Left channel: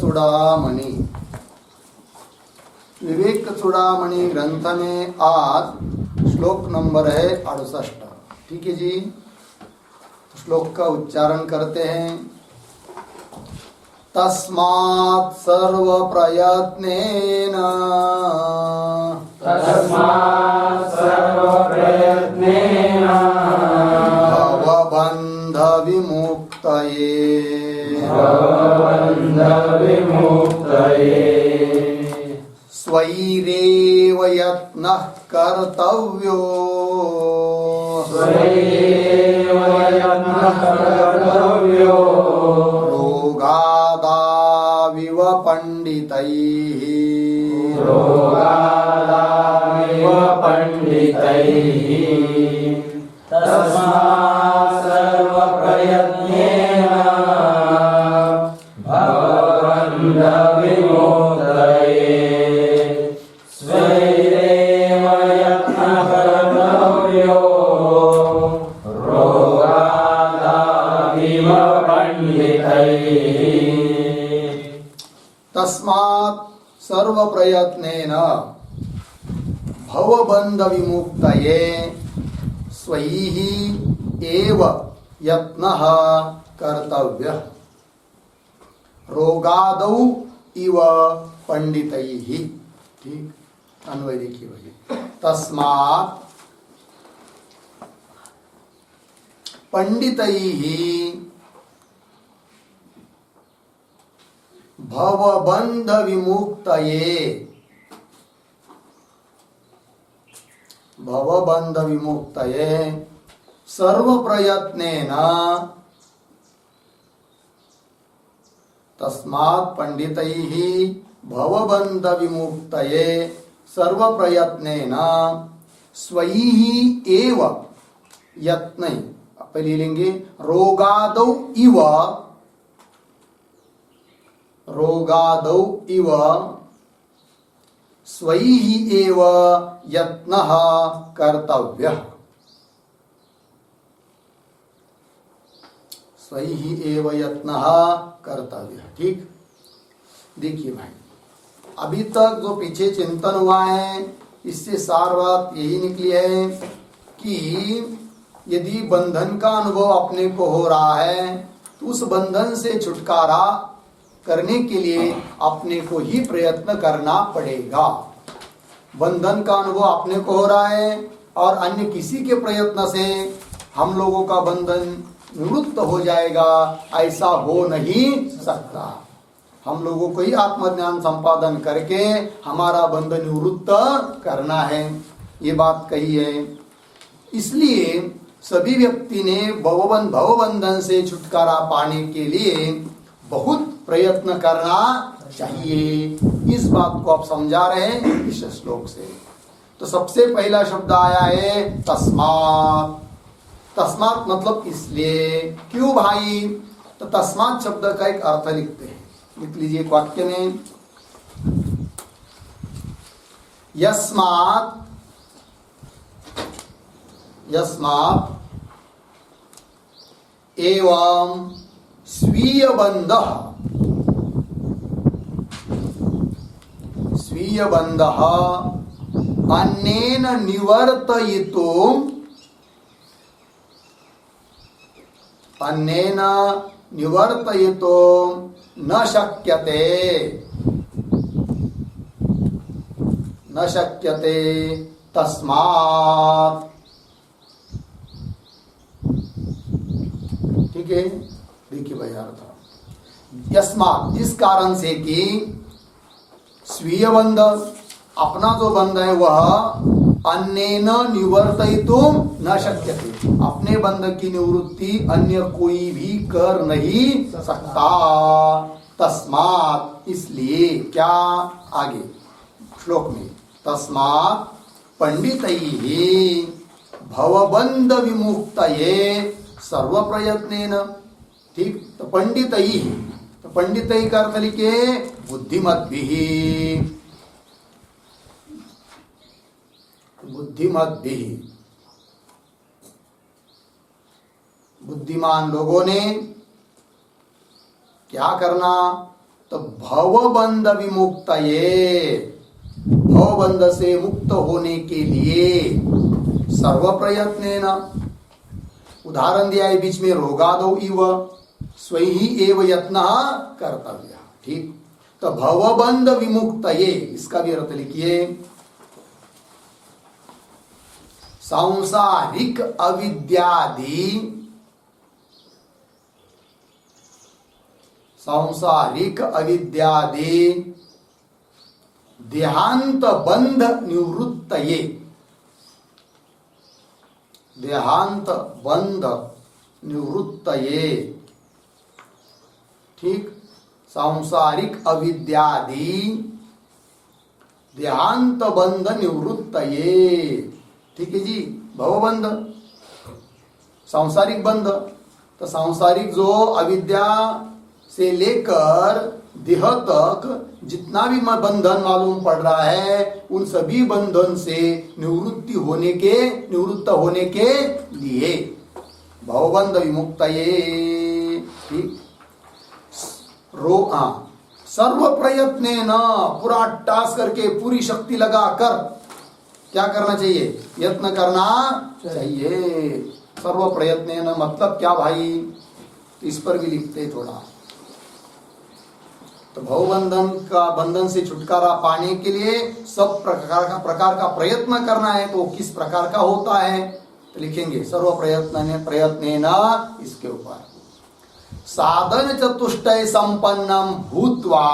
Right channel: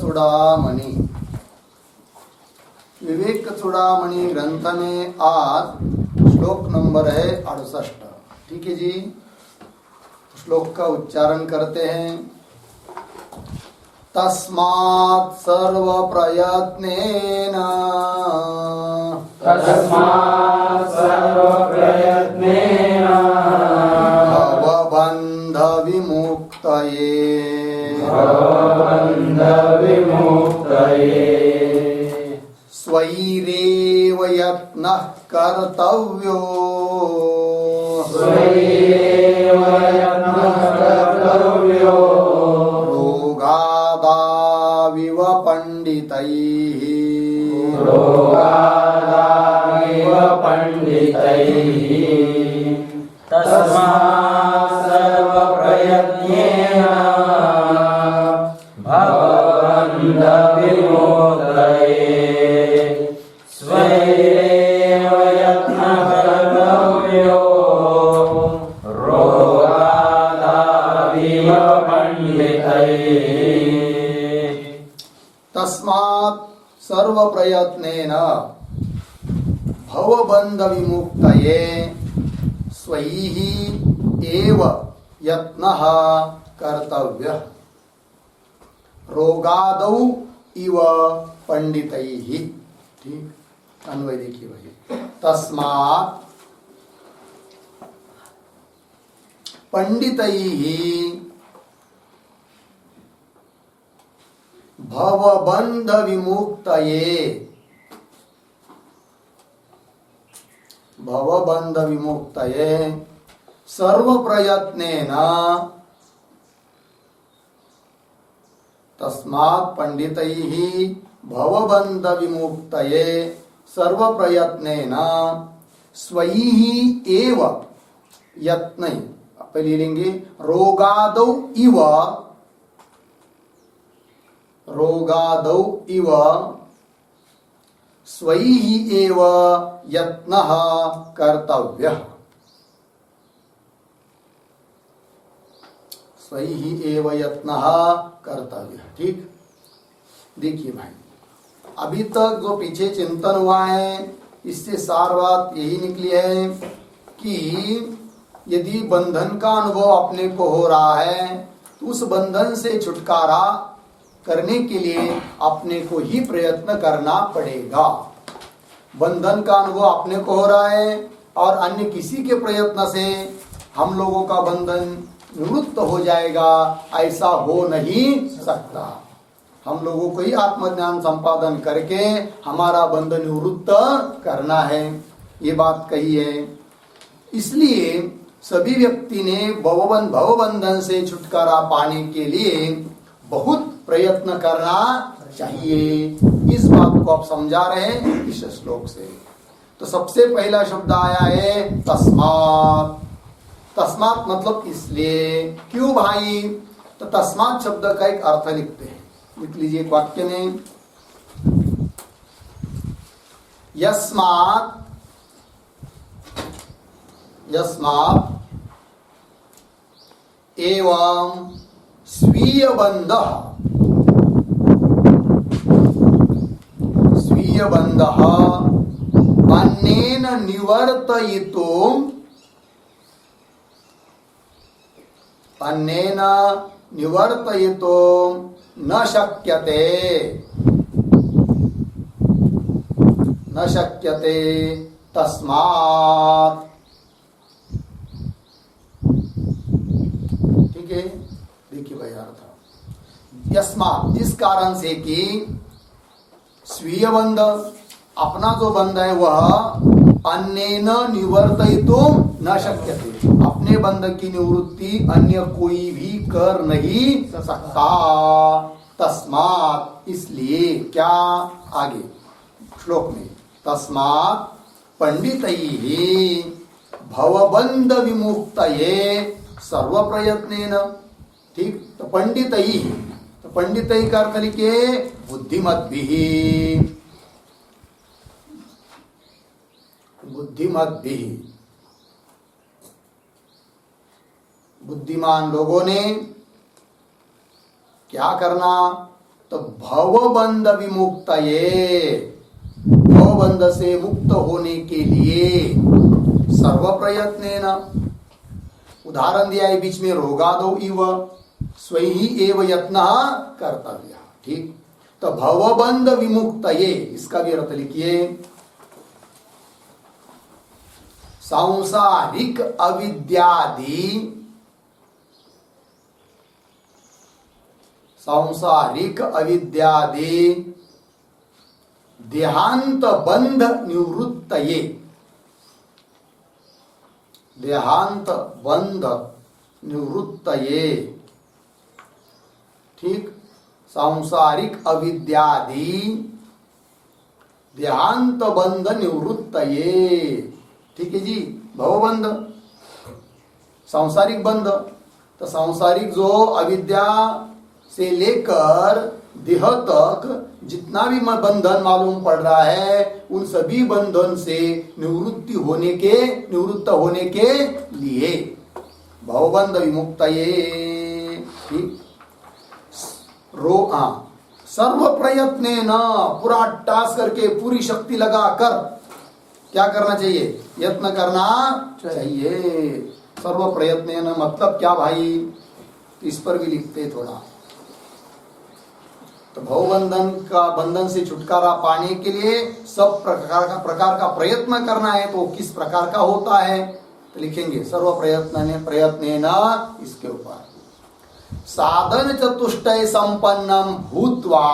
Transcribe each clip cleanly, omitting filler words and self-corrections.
चूड़ामणि। विवेक चूड़ामणि ग्रंथ में आज श्लोक नंबर है 68। ठीक है जी, तो श्लोक का उच्चारण करते हैं। तस्मात् सर्व प्रयत्नेन भवबन्ध विमुक्तये स्वैरेव यत्नः कर्तव्यो रोगादाविव पंडितैः तस्मात् सर्वप्रयत्नेन भवबन्ध विमुक्तये स्वैरेव यत्नः कर्तव्यो रोगादाविव पंडितैः। तस्मात् सर्व प्रयत्नेन भवबन्ध विमुक्तये स्वैः एव यत्नः कर्तव्यः रोगादौ इव पंडितैः। ठीक, अन्वय देखिए भाई। तस्मात् पंडितैः भवबन्ध विमुक्तये भवबन्ध विमुक्तये सर्व प्रयत्नेन तस्मात् पंडितैः भवबन्ध विमुक्तये सर्व प्रयत्नेन स्वैः एव यत्नै पहले लेंगे रोगादौ इव स्वैः एव यत्नः कर्तव्यः स्वैः एव यत्नः कर्तव्यः। ठीक, देखिए भाई, अभी तक जो पीछे चिंतन हुआ है इससे सार बात यही निकली है कि यदि बंधन का अनुभव अपने को हो रहा है तो उस बंधन से छुटकारा करने के लिए अपने को ही प्रयत्न करना पड़ेगा। बंधन का अनुभव अपने को हो रहा है और अन्य किसी के प्रयत्न से हम लोगों का बंधन निवृत्त हो जाएगा, ऐसा हो नहीं सकता। हम लोगों को ही आत्मज्ञान संपादन करके हमारा बंधन निवृत्त करना है, ये बात कही है। इसलिए सभी व्यक्ति ने भवबंधन से छुटकारा पाने के लिए बहुत प्रयत्न करना चाहिए। इस बात को आप समझा रहे हैं इस श्लोक से। तो सबसे पहला शब्द आया है तस्मात्। तस्मात् मतलब इसलिए। क्यों भाई? तो तस्मात् शब्द का एक अर्थ लिखते हैं, लिख लीजिए एक वाक्य में। यस्मात् एवं स्वीय बंधः अन्येन निवर्तयितुं न शक्यते तस्मात्। ठीक है, देखिए भाई अर्थ। यस्मात् जिस कारण से कि स्वीय बंध अपना जो बंध है वह अन्येन निवर्तयितुं न शक्यते, अपने बंध की निवृत्ति अन्य कोई भी कर नहीं सकता। तस्मात् इसलिए क्या, आगे श्लोक में तस्मात् पंडितैः भवबंध विमुक्तये सर्व प्रयत्नेन। ठीक, तो पंडितैः, तो पंडितैः का अर्थ लिखे बुद्धिमद्भिः। बुद्धिमान लोगों ने क्या करना, तो तो भवबंध विमुक्तये, भवबंध से मुक्त होने के लिए सर्व प्रयत्नेन, उदाहरण दिया है बीच में रोगादो इव स्वहि एव यत्न कर्तव्य। ठीक, तो भवबंध विमुक्तये इसका भी अर्थ लिखिए, सांसारिक अविद्यादि, सांसारिक अविद्यादि देहांत बंध निवृत्तये, देहांत बंध निवृत्तये। ठीक, सांसारिक अविद्यादि देहांत बंध निवृत्तये। ठीक है जी, भवबंध सांसारिक बंध, तो सांसारिक जो अविद्या से लेकर देह तक जितना भी बंधन मालूम पड़ रहा है, उन सभी बंधन से निवृत्त होने के लिए भवबंध विमुक्तये। ठीक, सर्व प्रयत्नेन, पूरा टास्क करके पूरी शक्ति लगाकर क्या करना चाहिए, यत्न करना चाहिए। सर्व प्रयत्नेन मतलब क्या भाई, इस पर भी लिखते थोड़ा। तो भवबंधन का, बंधन से छुटकारा पाने के लिए सब प्रकार का प्रयत्न करना है, तो किस प्रकार का होता है, तो लिखेंगे सर्व प्रयत्नेन इसके ऊपर। साधन चतुष्टय संपन्नम भूत्वा,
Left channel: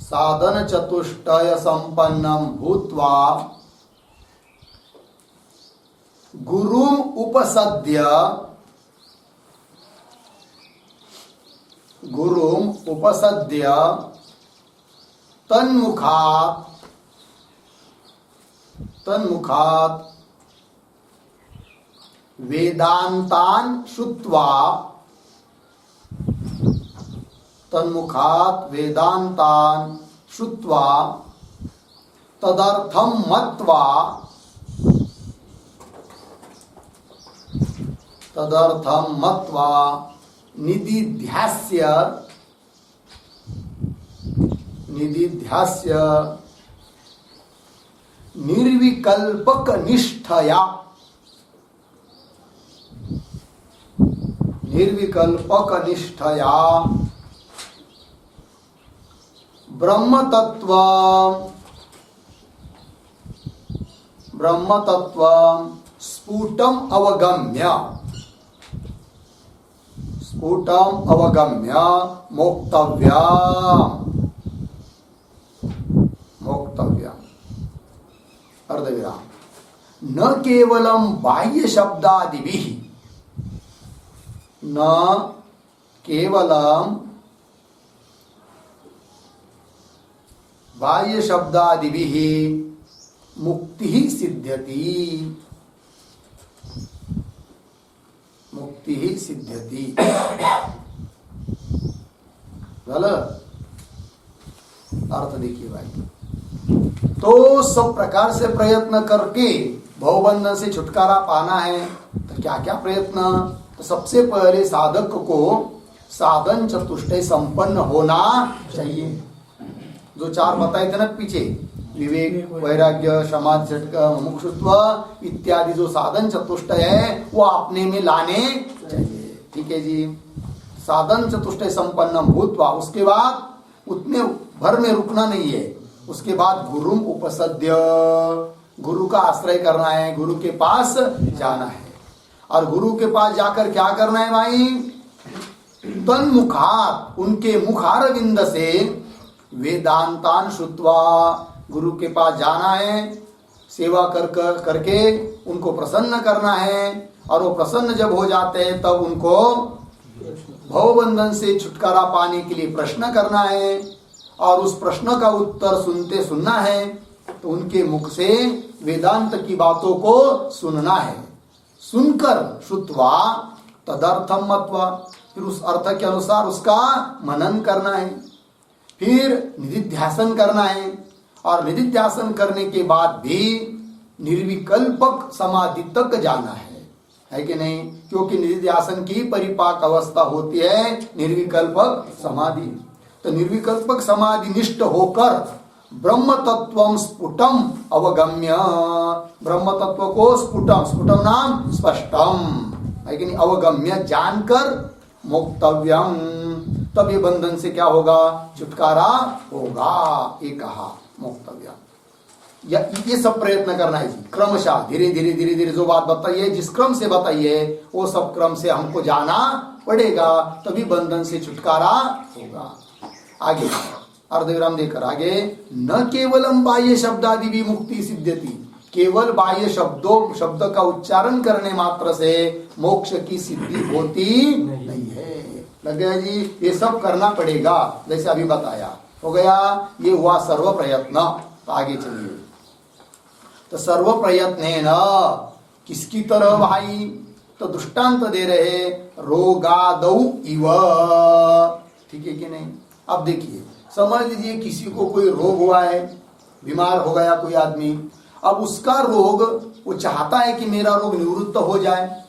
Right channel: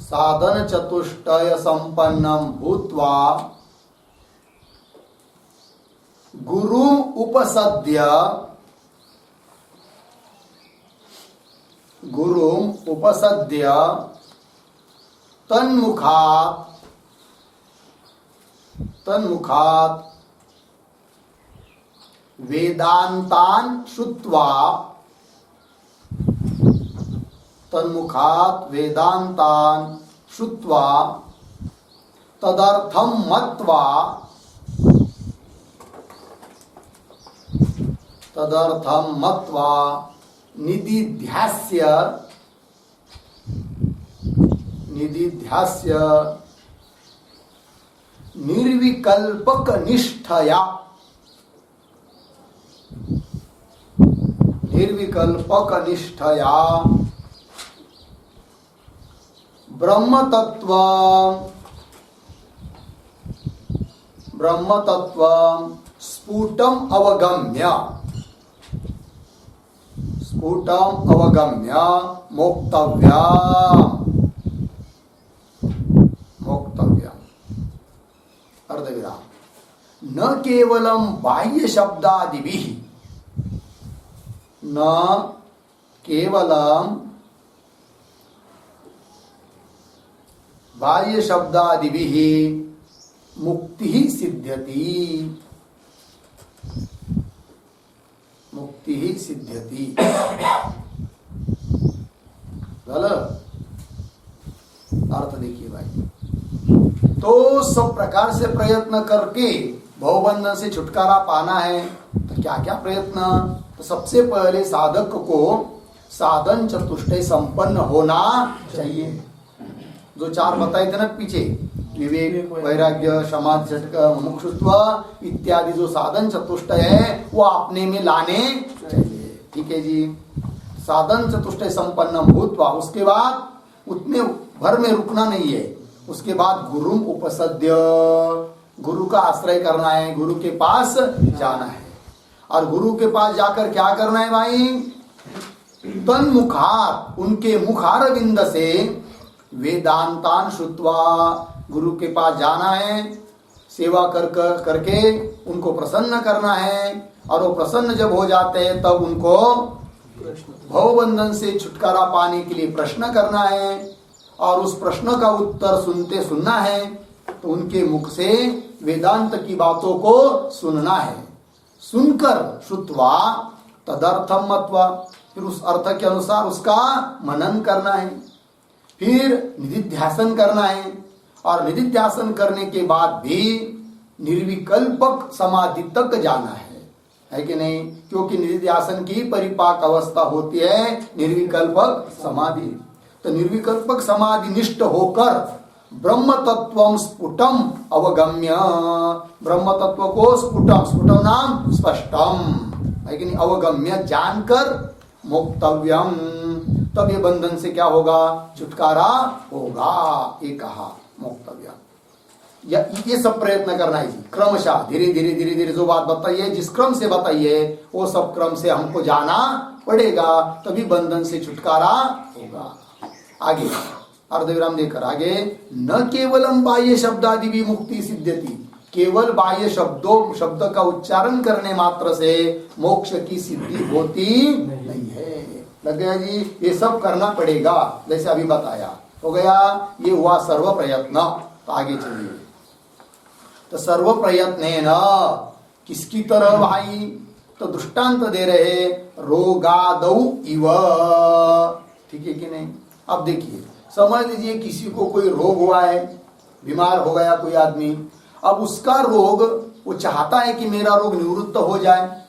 साधन चतुष्टय संपन्नम भूत्वा गुरुम उपसद्य, गुरुम उपसद्य तन्मुखात्, तन्मुखात् वेदांतान श्रुत्वा, तन्मुखात् वेदांतान श्रुत्वा तदर्थम मत्वा, तदर्थम मत्वा निदिध्यास्य, निदिध्यास्य निर्विकल्पक निष्ठया, निर्विकल्पक निष्ठया ब्रह्म तत्व, ब्रह्म तत्व स्फुटम अवगम्य, स्फुटम अवगम्य मोक्तव्यम, मोक्तव्यम अर्धविराम, न केवलम बाह्य शब्दादिभिः, न केवलम बाह्य शब्दादिभिः मुक्ति सिद्ध्यति, मुक्ति सिद्ध्यति। अर्थ देखिए भाई, तो सब प्रकार से प्रयत्न करके भवबंधन से छुटकारा पाना है, तो क्या क्या प्रयत्न, तो सबसे पहले साधक को साधन चतुष्टय संपन्न होना चाहिए। जो चार बताए थे ना पीछे, विवेक, वैराग्य, समाधि, मुमुक्षुत्व इत्यादि जो साधन चतुष्टय है वो अपने में लाने चाहिए। ठीक है जी, साधन चतुष्टय संपन्न भूत्वा, उसके बाद उतने भर में रुकना नहीं है, उसके बाद गुरुम उपसद्य, गुरु का आश्रय करना है, गुरु के पास जाना है। और गुरु के पास जाकर क्या करना है भाई, तन्मुखात्, उनके मुखारविंद से वेदांतान श्रुत्वा, गुरु के पास जाना है, सेवा करके उनको प्रसन्न करना है, और वो प्रसन्न जब हो जाते हैं तब उनको भवबंधन से छुटकारा पाने के लिए प्रश्न करना है, और उस प्रश्न का उत्तर सुनना है, तो उनके मुख से वेदांत की बातों को सुनना है, सुनकर श्रुत्वा तदर्थम मत्वा, फिर उस अर्थ के अनुसार उसका मनन करना है, फिर निधिध्यासन करना है, और निधिध्यासन करने के बाद भी निर्विकल्पक समाधि तक जाना है। है कि नहीं? क्योंकि निधिध्यासन की परिपाक अवस्था होती है निर्विकल्पक समाधि। तो निर्विकल्पक समाधि निष्ठ होकर ब्रह्म तत्व स्फुटम अवगम्य, ब्रह्म तत्व को स्फुटम, स्फुटम नाम स्पष्टम, है कि नहीं, अवगम्य जानकर मोक्तव्यम, तब ये बंधन से क्या होगा? छुटकारा होगा। ये कहा मोक्तव्यम। ये सब प्रयत्न करना है जी, क्रमशः धीरे धीरे धीरे धीरे जो बात बताइए, जिस क्रम से बताइए वो सब क्रम से हमको जाना पड़ेगा, तभी बंधन से छुटकारा होगा। आगे अर्धविराम देकर आगे, न केवलम बाह्य शब्दादि भी मुक्ति सिद्ध्यति, केवल बाह्य शब्द का उच्चारण करने मात्र से मोक्ष की सिद्धि होती नहीं है। लग गया जी? ये सब करना पड़ेगा, जैसे अभी बताया। हो गया, ये हुआ सर्व प्रयत्न। तो आगे चलिए। तो सर्व प्रयत्न न किसकी तरह भाई? तो दृष्टांत दे रहे, रोगादौ इव, ठीक है कि नहीं? अब देखिए, समझ लीजिए किसी को कोई रोग हुआ है, बीमार हो गया कोई आदमी, अब उसका रोग, वो चाहता है कि मेरा रोग निवृत्त हो जाए,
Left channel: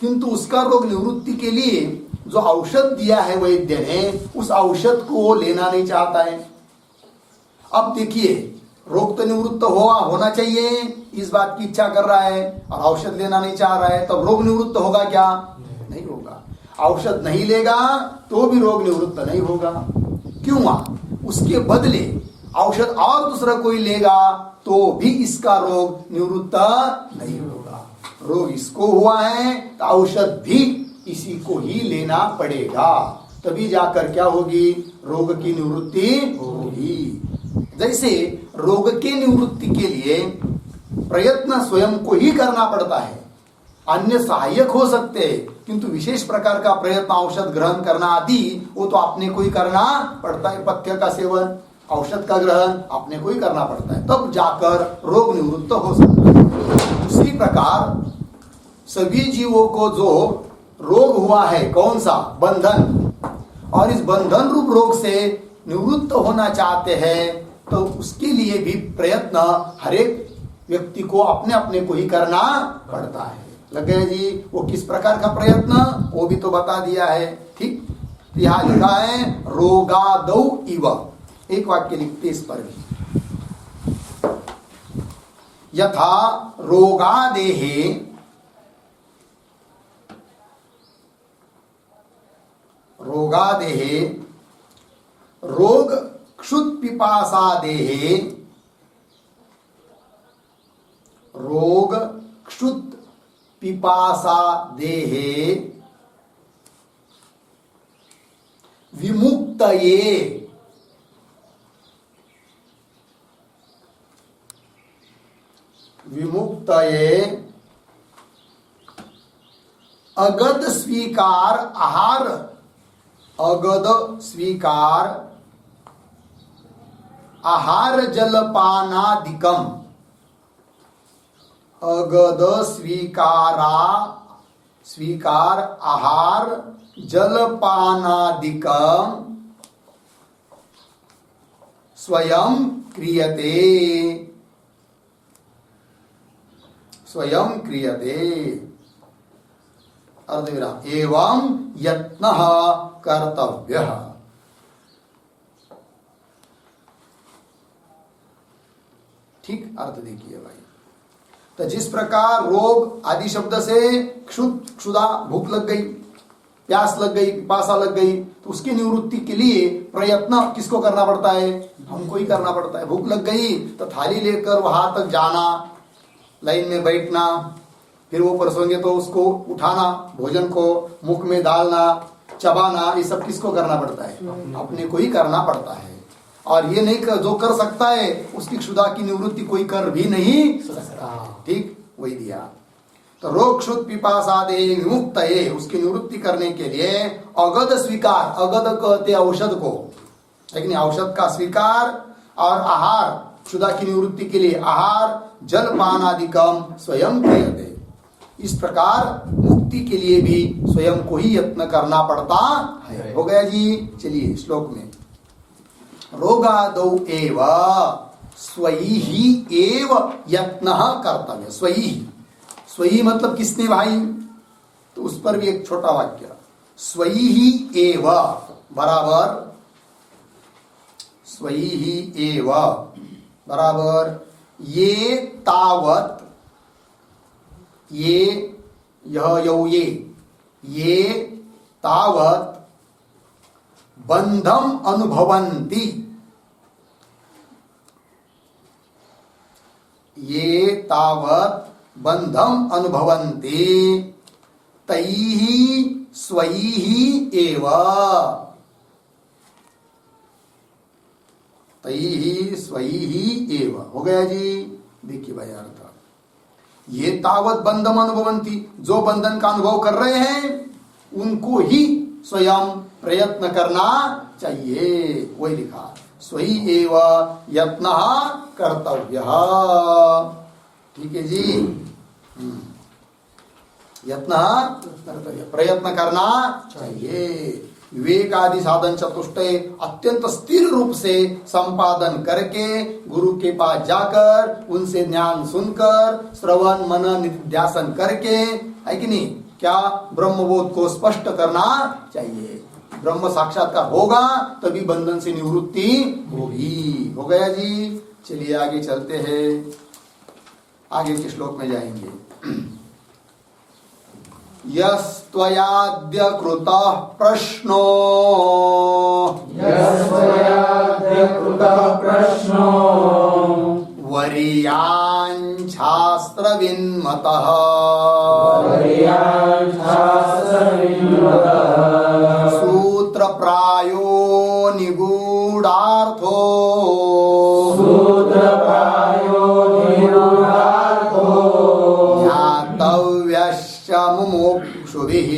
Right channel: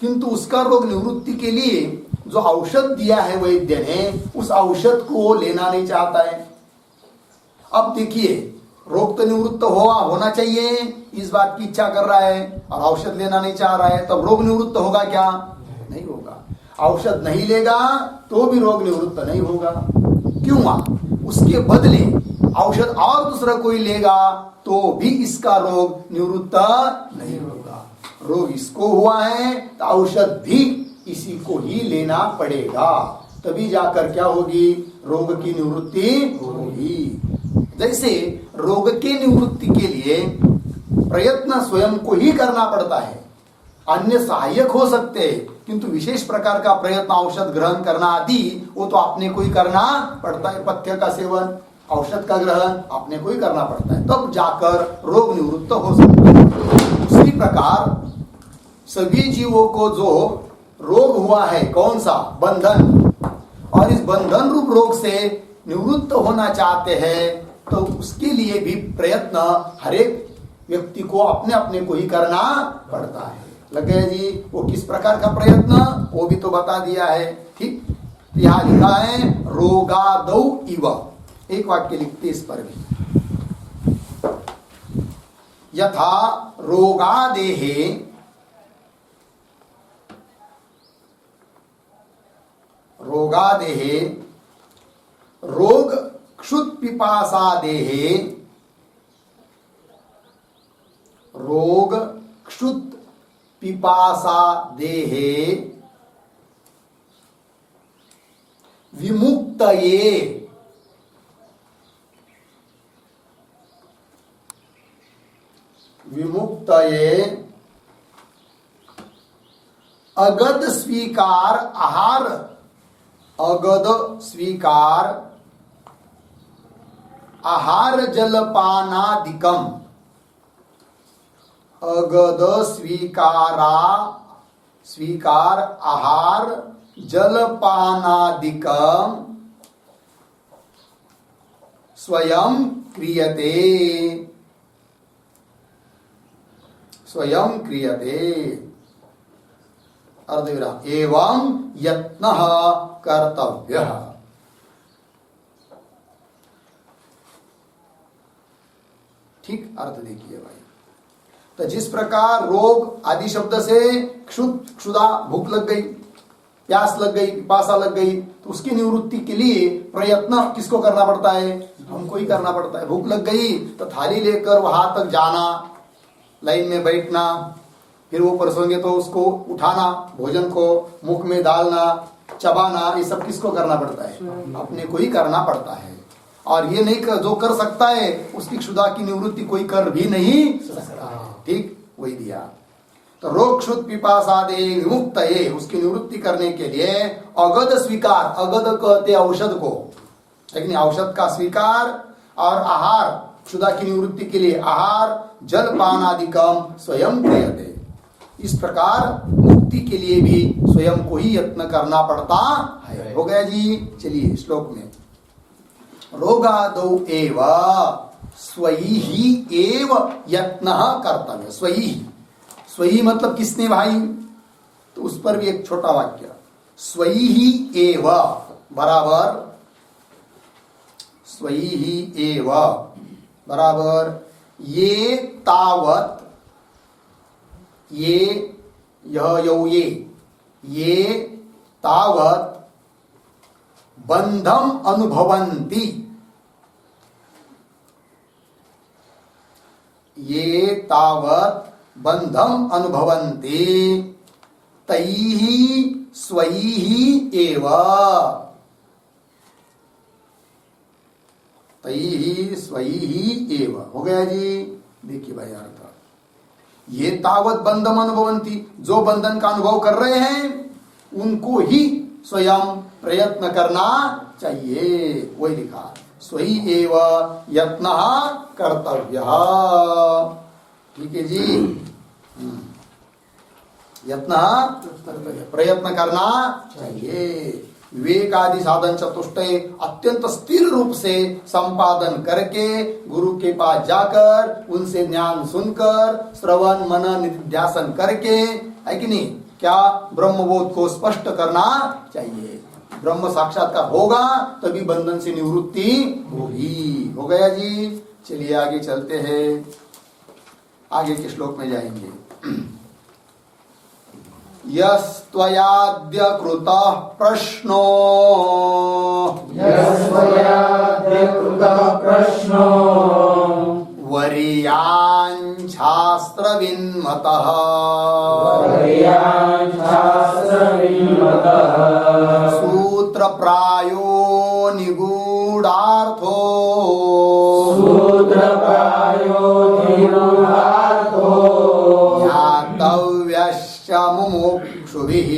किंतु उसका रोग निवृत्ति के लिए जो औषध दिया है वैद्य ने, उस औषध को वो लेना नहीं चाहता है। अब देखिए, रोग तो निवृत्त होना चाहिए, इस बात की इच्छा कर रहा है, और औषध लेना नहीं चाह रहा है, तब रोग निवृत्त होगा क्या? नहीं होगा। औषध नहीं लेगा तो भी रोग निवृत्त नहीं होगा। क्यों? उसके बदले औषध और दूसरा कोई लेगा तो भी इसका रोग निवृत्त नहीं होगा। रोग इसको हुआ है तो औषध भी इसी को ही लेना पड़ेगा, तभी जाकर क्या होगी? रोग की निवृत्ति होगी। जैसे रोग के निवृत्ति के लिए प्रयत्न स्वयं को ही करना पड़ता है, अन्य सहायक हो सकते हैं, किंतु विशेष प्रकार का प्रयत्न औषध ग्रहण करना आदि वो तो अपने को ही करना पड़ता है। पथ्य का सेवन, औषध का ग्रहण अपने को ही करना पड़ता है, तब जाकर रोग निवृत्त हो सकता है। उसी प्रकार सभी जीवों को जो रोग हुआ है, कौन सा? बंधन, और इस बंधन रूप रोग से निवृत्त होना चाहते हैं, तो उसके लिए भी प्रयत्न हर एक व्यक्ति को अपने अपने को ही करना पड़ता है। लग गए जी? वो किस प्रकार का प्रयत्न, वो भी तो बता दिया है। ठीक, तो यहां लिखा है रोगादौ इव, एक वाक्य लिखते इस पर भी, यथा रोगादेहे, रोगादेहे रोग क्षुत पिपासा देहे, रोग क्षुत पिपासा देहे विमुक्तये, विमुक्तये अगद स्वीकार आहार, अगद स्वीकार आहार जलपानादिकम, अगद स्वीकार आहार जलपानादिकम स्वयं क्रियते, स्वयं क्रियते, अर्धविराम, एवं यत्नः कर्तव्यः। ठीक, अर्थ देखिए भाई। तो जिस प्रकार रोग आदि शब्द से क्षुधा, भूख लग गई, प्यास लग गई, पिपासा लग गई, तो उसकी निवृत्ति के लिए प्रयत्न किसको करना पड़ता है? हमको ही करना पड़ता है। भूख लग गई तो थाली लेकर वहां तक जाना, लाइन में बैठना, फिर वो परसोंगे तो उसको उठाना, भोजन को मुख में डालना, चबाना, ये सब किसको करना पड़ता है? अपने को ही करना पड़ता है। और ये नहीं जो कर सकता है उसकी क्षुधा की निवृत्ति कोई कर भी नहीं सकता। ठीक, वही दिया। तो रोग क्षुत पिपासादे विमुक्तये, उसकी निवृत्ति करने के लिए अगद स्वीकार, अगद कहते औषध को, लेकिन औषध का स्वीकार और आहार, क्षुधा की निवृत्ति के लिए आहार जलपान आदिकम स्वयं क्रियते। इस प्रकार मुक्ति के लिए भी स्वयं को ही यत्न करना पड़ता है। हो गया जी? चलिए श्लोक में, रोगादौ एव स्वयि एव यत्नः कर्तव्य, स्वयि, स्वयी मतलब किसने भाई, तो उस पर भी एक छोटा वाक्य, स्वयी ही एव बराबर, स्वयी ही एव बराबर ये तावत, ये यह यौ ये तावत बंधम अनुभवन्ति, ये तावत बंधम अनुभवन्ति तैहि स्वैहि एव, तैहि स्वैहि एव। हो गया जी। देखिए भाई अर्थ, ये तावत बंधम अनुभवन्ति, जो बंधन का अनुभव कर रहे हैं उनको ही स्वयं प्रयत्न करना चाहिए, वही लिखा, स्वयं एव यत्नः कर्तव्यः। ठीक है जी। यत्नः कर्तव्य, प्रयत्न करना चाहिए। विवेक आदि साधन चतुष्टय अत्यंत स्थिर रूप से संपादन करके गुरु के पास जाकर उनसे ज्ञान सुनकर श्रवण मनन निधिध्यासन करके, है कि नहीं, क्या ब्रह्मबोध को स्पष्ट करना चाहिए। ब्रह्म साक्षात्कार होगा तभी बंधन से निवृत्ति होगी। हो गया जी। चलिए आगे चलते हैं, आगे के श्लोक में जाएंगे। यस्त्वयाद्य कृतः प्रश्नो, यस्त्वयाद्य कृतः प्रश्नो वरीयान् शास्त्रविन्मतः, वरीयान् शास्त्रविन्मतः सूत्रप्रायो निगूढार्थो, सूत्रप्रायो निगूढार्थो ज्ञातव्यश्च मुमुक्षुभिः,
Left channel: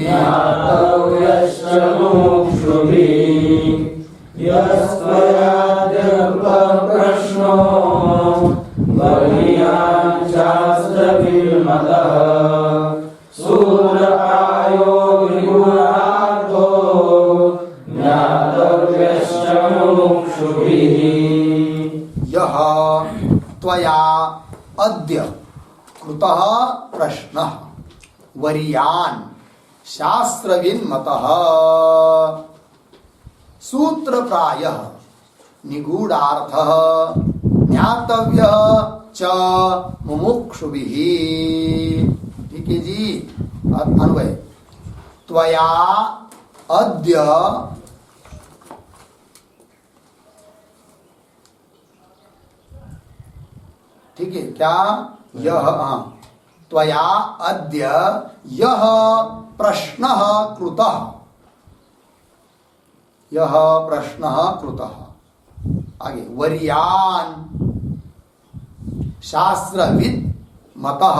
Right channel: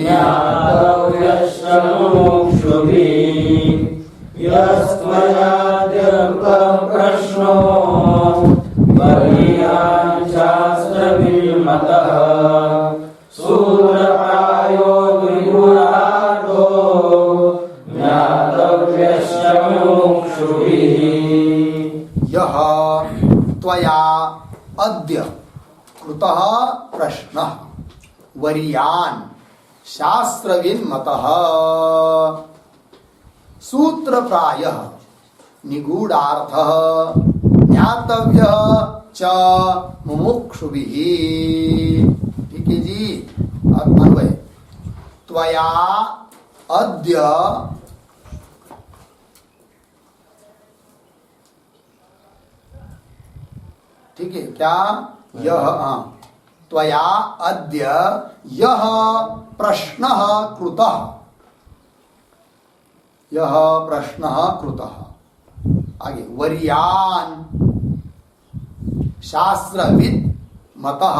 ज्ञातव्यश्च मुमुक्षुभिः। यस्त्वयाद्य कृतः प्रश्नो वरीयान् शास्त्रविन्मतः सूत्रप्रायो निगूढार्थो ज्ञातव्यश्च मुमुक्षुभिः। यः त्वया अद्य कृतः प्रश्नः वरीयान् शास्त्रविन्मतः सूत्रप्रायः निगूढार्थः ज्ञातव्यः च मुमुक्षुभिः। ठीक है जी। अन्वय, त्वया अद्य ठीक है क्या, यह त्वया अद्य यह प्रश्नः कृतः, यह प्रश्नः कृतः। आगे वरीयान् शास्त्रविद मतः,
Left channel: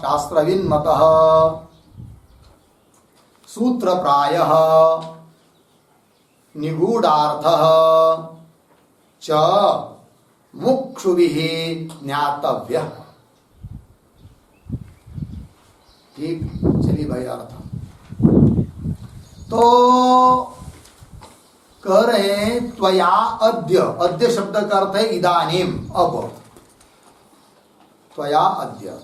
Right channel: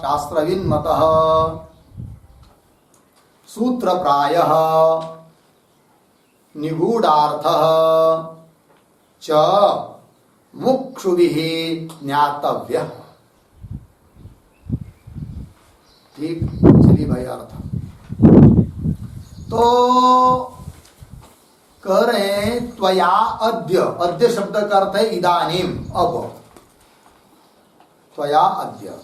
शास्त्रविन्मतः सूत्रप्रायः निगूढार्थः च मुक्षुभिः ज्ञातव्यः। ठीक। चलिए भाई अर्थ तो कह रहे हैं, त्वया अद्य, अद्य शब्द का अर्थ है इदानीम, अब। त्वया अद्य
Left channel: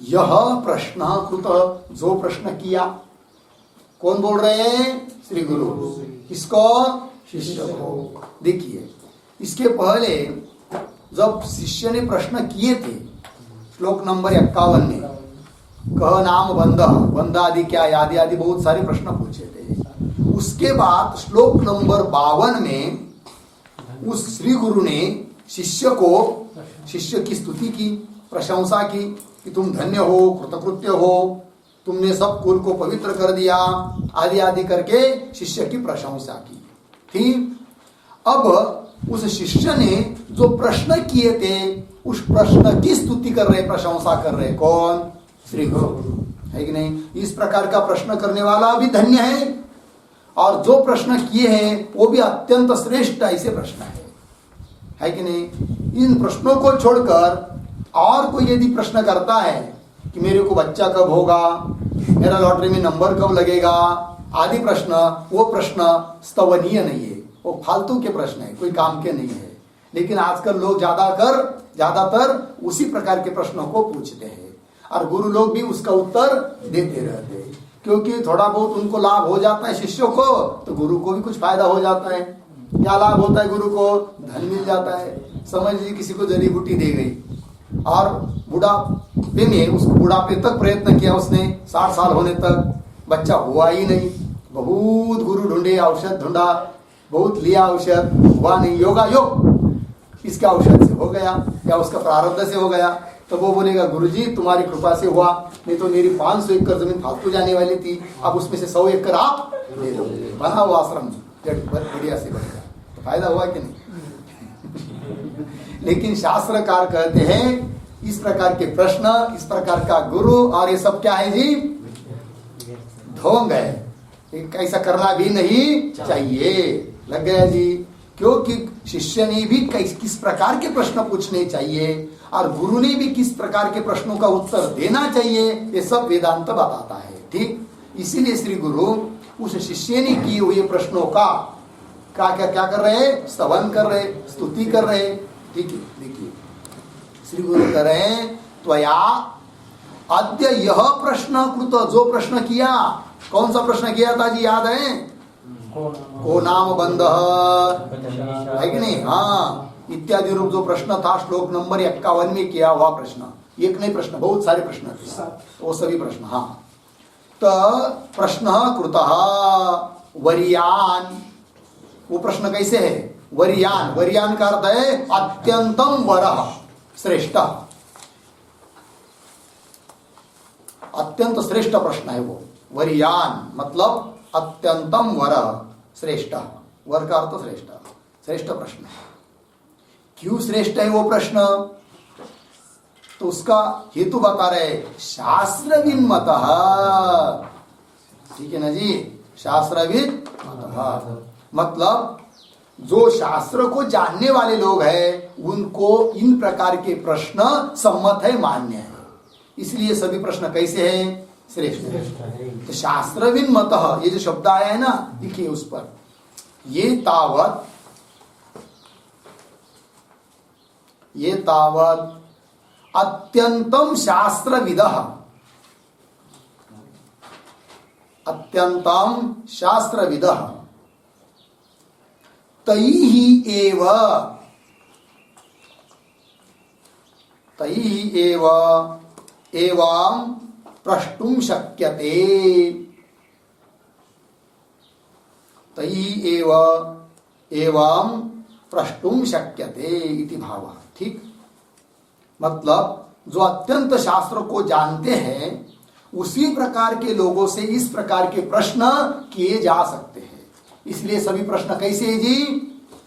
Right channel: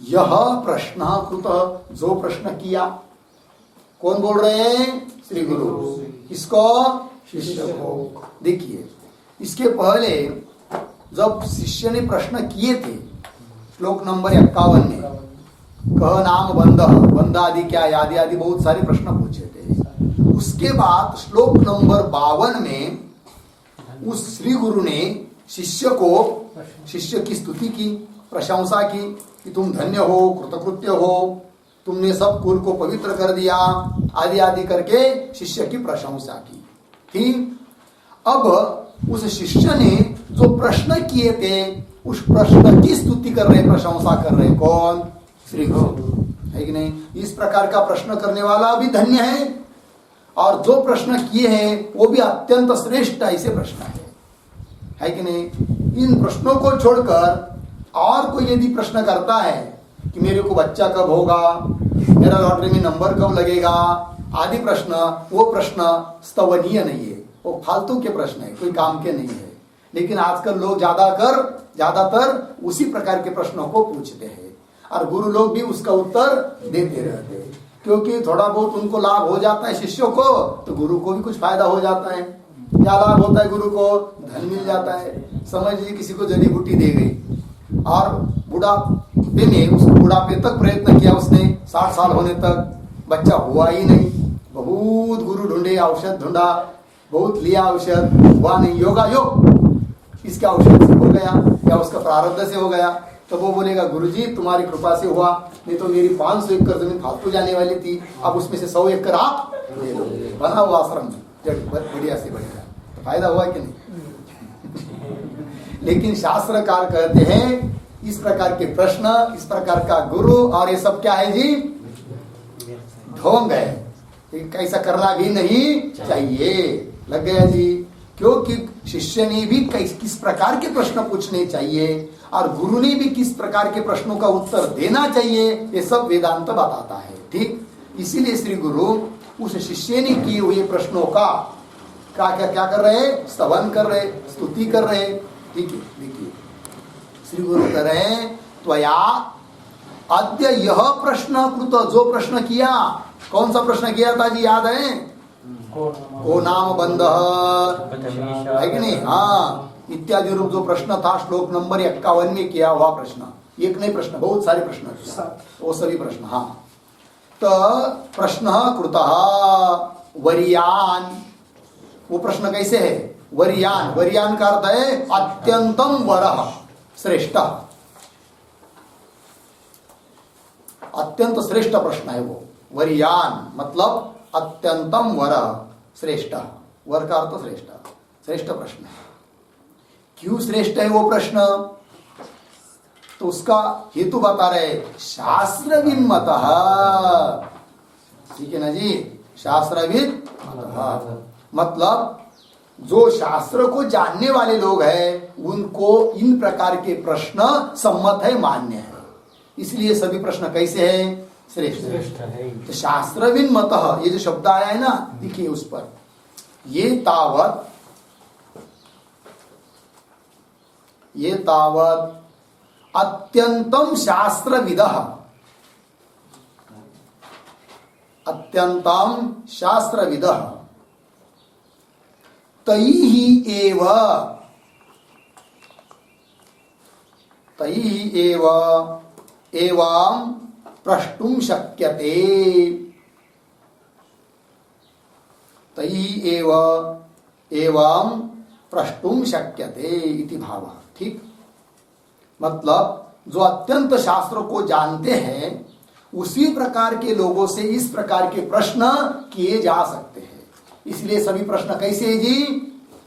यह प्रश्न कृत, जो प्रश्न किया, कौन बोल रहे हैं, श्री गुरु। किसको, शिष्य को। देखिए इसके पहले जब शिष्य ने प्रश्न किए थे, श्लोक नंबर 51 में, कह नाम बंध, बंध आदि क्या आदि आदि बहुत सारे प्रश्न पूछे थे। उसके बाद श्लोक नंबर 52 में उस श्री गुरु ने शिष्य को, शिष्य की स्तुति की, प्रशंसा की कि तुम धन्य हो, कृतकृत्य हो, तुमने सब कुल को पवित्र कर दिया, आदि आदि करके शिष्य की प्रशंसा की थी। अब उस शिष्य ने जो प्रश्न किए थे, उस प्रश्न की स्तुति कर रहे, प्रशंसा कर रहे कौन, श्री गुरु, है कि नहीं। इस प्रकार का प्रश्न करने वाला भी धन्य है, और जो प्रश्न किए हैं वो भी अत्यंत श्रेष्ठ ऐसे प्रश्न है कि नहीं। इन प्रश्नों को छोड़कर और कोई यदि प्रश्न करता है कि मेरे को बच्चा कब होगा, मेरा लॉटरी में नंबर कब लगेगा, आदि प्रश्न, वो प्रश्न स्तवनीय नहीं है, वो फालतू के प्रश्न है, कोई काम के नहीं है। लेकिन आजकल लोग ज्यादातर उसी प्रकार के प्रश्नों को पूछते हैं। और गुरु लोग भी उसका उत्तर देते रहते हैं, क्योंकि थोड़ा बहुत उनको लाभ हो जाता है शिष्यों को, तो गुरु को भी कुछ फायदा हो जाता है। क्या लाभ होता है गुरु को? धन मिल जाता है। समझ लीजिए किसी को जड़ी बूटी दे गई और बुढ़ापे में, उस बुढ़ापे तक प्रयत्न किया उसने, 60 साल होने तक बच्चा हुआ ही नहीं, बहुत गुरु ढूंढे, औषध ढूंढा, बहुत लिया औषध, हुआ नहीं, योगा योग इसके औषध से हो गया या उसका प्रारब्ध से हो गया, तो वो बोलेगा गुरुजी तुम्हारी कृपा से हुआ, नहीं तो मेरी 500 एकड़ जमीन फालतू जाने वाली थी, अब उसमें से 100 एकड़ आप ले लो, बना हुआ आश्रम बढ़िया से बढ़िया, तो फायदा हुआ कि नहीं? लेकिन शास्त्रकार कहते हैं इस प्रकार के प्रश्न, इस प्रकार का गुरु और ये सब क्या है जी? ढोंग है, ऐसा करना भी नहीं चाहिए। लग गया जी? क्योंकि शिष्य ने भी किस प्रकार के प्रश्न पूछने चाहिए और गुरु ने भी किस प्रकार के प्रश्नों का उत्तर देना चाहिए, ये सब वेदांत बताता है। ठीक, इसीलिए श्री गुरु उस शिष्य ने किए हुए प्रश्नों का क्या कर रहे हैं? स्तवन कर रहे, स्तुति कर रहे। ठीक है, देखिए श्री गुरु कह रहे हैं त्वया अद्य यह प्रश्न कृत, जो प्रश्न किया, कौन सा प्रश्न किया था जी? याद है? को नाम बंध है कि नहीं? हाँ, इत्यादि रूप जो प्रश्न था श्लोक नंबर 51 में किया हुआ प्रश्न, एक नहीं प्रश्न, बहुत सारे प्रश्न थे, वो सभी प्रश्न। हाँ, तो प्रश्न कृतः वरियान, वो प्रश्न कैसे है? वरियान, वरियान का अर्थ है अत्यंतम वरः, श्रेष्ठ, अत्यंत श्रेष्ठ प्रश्न है वो। वरियान मतलब अत्यंतम वरः, श्रेष्ठ, वर का अर्थ श्रेष्ठ, श्रेष्ठ प्रश्न है। क्यों श्रेष्ठ है वो प्रश्न? तो उसका हेतु बता रहे, शास्त्रविद मतः। ठीक है ना जी? शास्त्रविद मतः मतलब जो शास्त्र को जानने वाले लोग हैं उनको इन प्रकार के प्रश्न सम्मत है, मान्य है, इसलिए सभी प्रश्न कैसे हैं? श्रेष्ठ है। तो शास्त्रविद मतः, ये जो शब्द आया है ना, देखिए उस पर, ये तावत अत्यंतम शास्त्रविदः, अत्यंतम शास्त्रविदः तैहि एव एवं प्रष्टुम शक्यते, तैहि एव एवं प्रष्टुम शक्यते इति भावः। ठीक, मतलब जो अत्यंत शास्त्र को जानते हैं उसी प्रकार के लोगों से इस प्रकार के प्रश्न किए जा सकते हैं। इसलिए सभी प्रश्न कैसे है जी?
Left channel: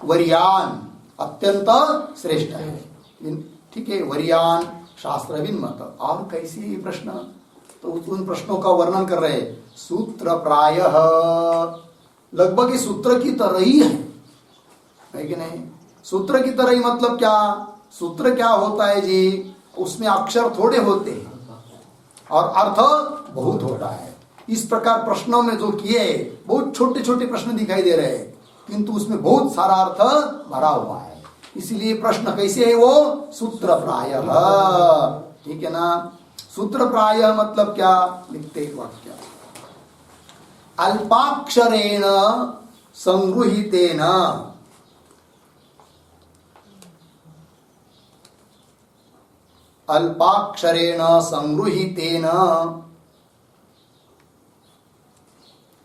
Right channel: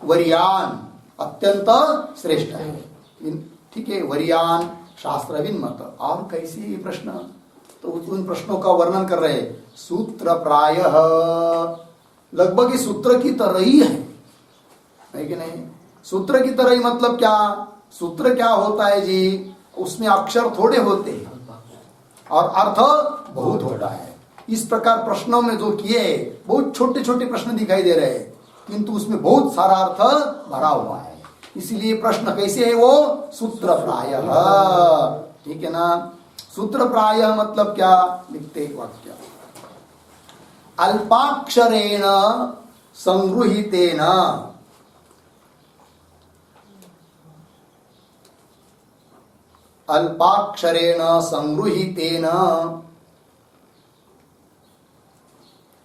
वरियान, अत्यंत श्रेष्ठ है। ठीक है, वरियान शास्त्रविद मत। और कैसे ये प्रश्न? तो उन प्रश्नों का वर्णन कर रहे हैं। सूत्र प्रायः, लगभग इस सूत्र की तरह ही है कि नहीं? सूत्र की तरह ही मतलब क्या? सूत्र क्या होता है जी? उसमें अक्षर थोड़े होते हैं और अर्थ बहुत होता है। इस प्रकार प्रश्नों में जो किए बहुत छोटे छोटे प्रश्न दिखाई दे रहे हैं, किंतु उसमें बहुत सारा अर्थ भरा हुआ है। इसलिए प्रश्न कैसे है वो? सूत्र प्रायः। ठीक है ना? सूत्र प्रायः मतलब क्या? लिखते एक वाक्य, अल्पाक्षरेण संगृहीतेन, अल्पाक्षरेण संगृहीतेन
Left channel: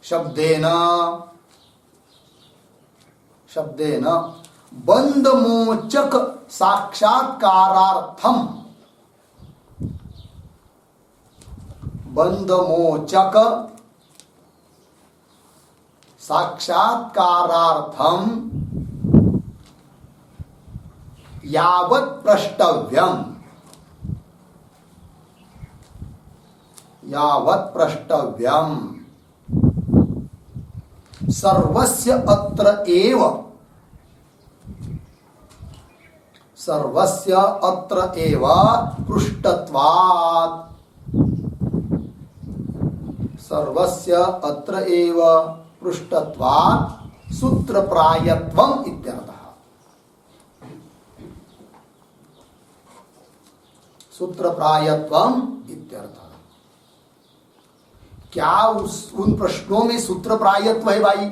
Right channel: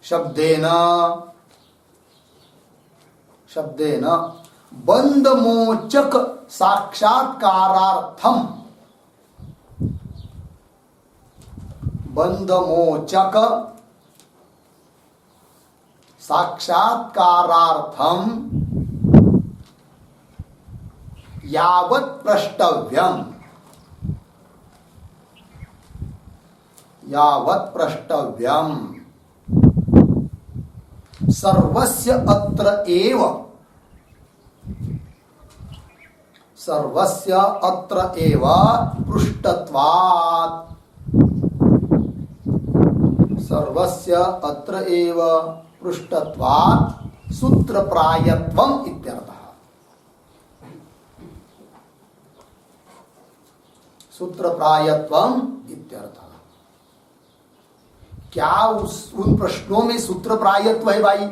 शब्देन बंधमोचक साक्षात्कारार्थम, बंधमोचक साक्षात्कारार्थम यावत् प्रष्टव्यम, यावत् प्रष्टव्यम सर्वस्य अत्र एव, सर्वस्य अत्र एव पृष्ठत्वात्, सर्वस्य अत्र एव पृष्ठत्वात् सूत्रप्रायत्वम् इत्यर्थः। सूत्र प्रायत्वम इत्यर्थ। क्या उन प्रश्नों में सूत्र प्रायत्व है भाई?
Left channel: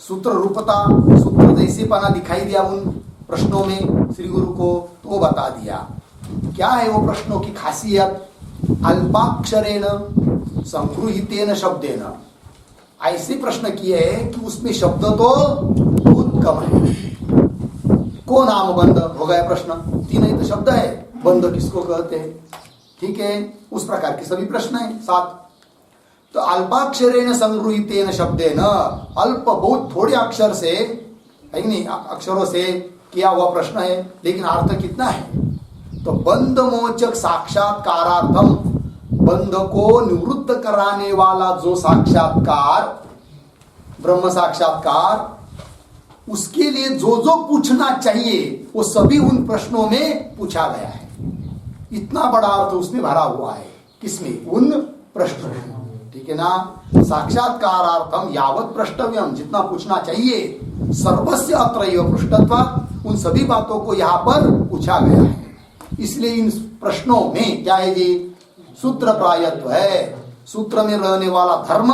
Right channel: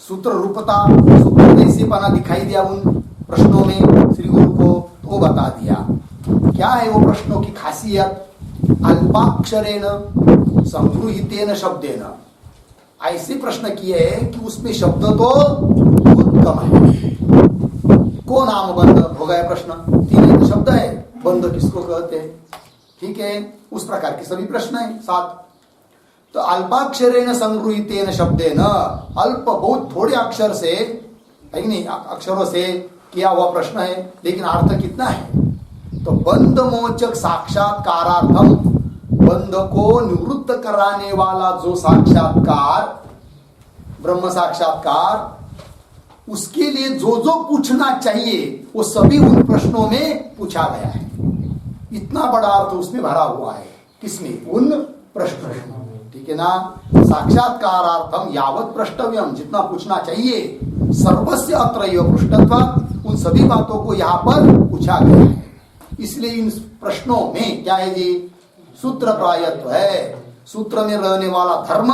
सूत्र रूपता, सूत्र जैसे पना दिखाई दिया उन प्रश्नों में श्री गुरु को, तो वो बता दिया। क्या है वो प्रश्नों की खासियत? अल्पाक्षरेण संगृहीतेन शब्देन, ऐसे प्रश्न किए हैं कि उसमें शब्द तो बहुत कम है। को नाम बंद हो गया प्रश्न, 3 ही तो शब्द है, बंद किसको कहते हैं? ठीक है, उस प्रकार के सभी प्रश्न है 7। तो अल्पाक्षरेण संगृहीतेन शब्देन, अल्प बहुत थोड़े अक्षर से, है कि नहीं, अक्षरों से किया हुआ प्रश्न है, लेकिन अर्थ कितना है? तो बंध मोचक साक्षात्कारार्थम, बंध को निवृत्त कराने वाला जो साक्षात्कार, ब्रह्म साक्षात्कार, उसके लिए जो जो पूछना चाहिए वो सभी उन प्रश्नों में पूछा गया है। इतना बड़ा अर्थ उसमें भरा हुआ है। किसमें? उन प्रश्नों में। ठीक है ना? साक्षात्कारार्थम यावत प्रष्टव्यम, जितना पूछना चाहिए, सर्वस्य अत्रैव पृष्ठत्वात्, उन सभी बातों को यहाँ पर पूछा गया है। इसलिए इन प्रश्नों में क्या है जी? सूत्र प्रायत्व है। सूत्र में रहने वाला धर्म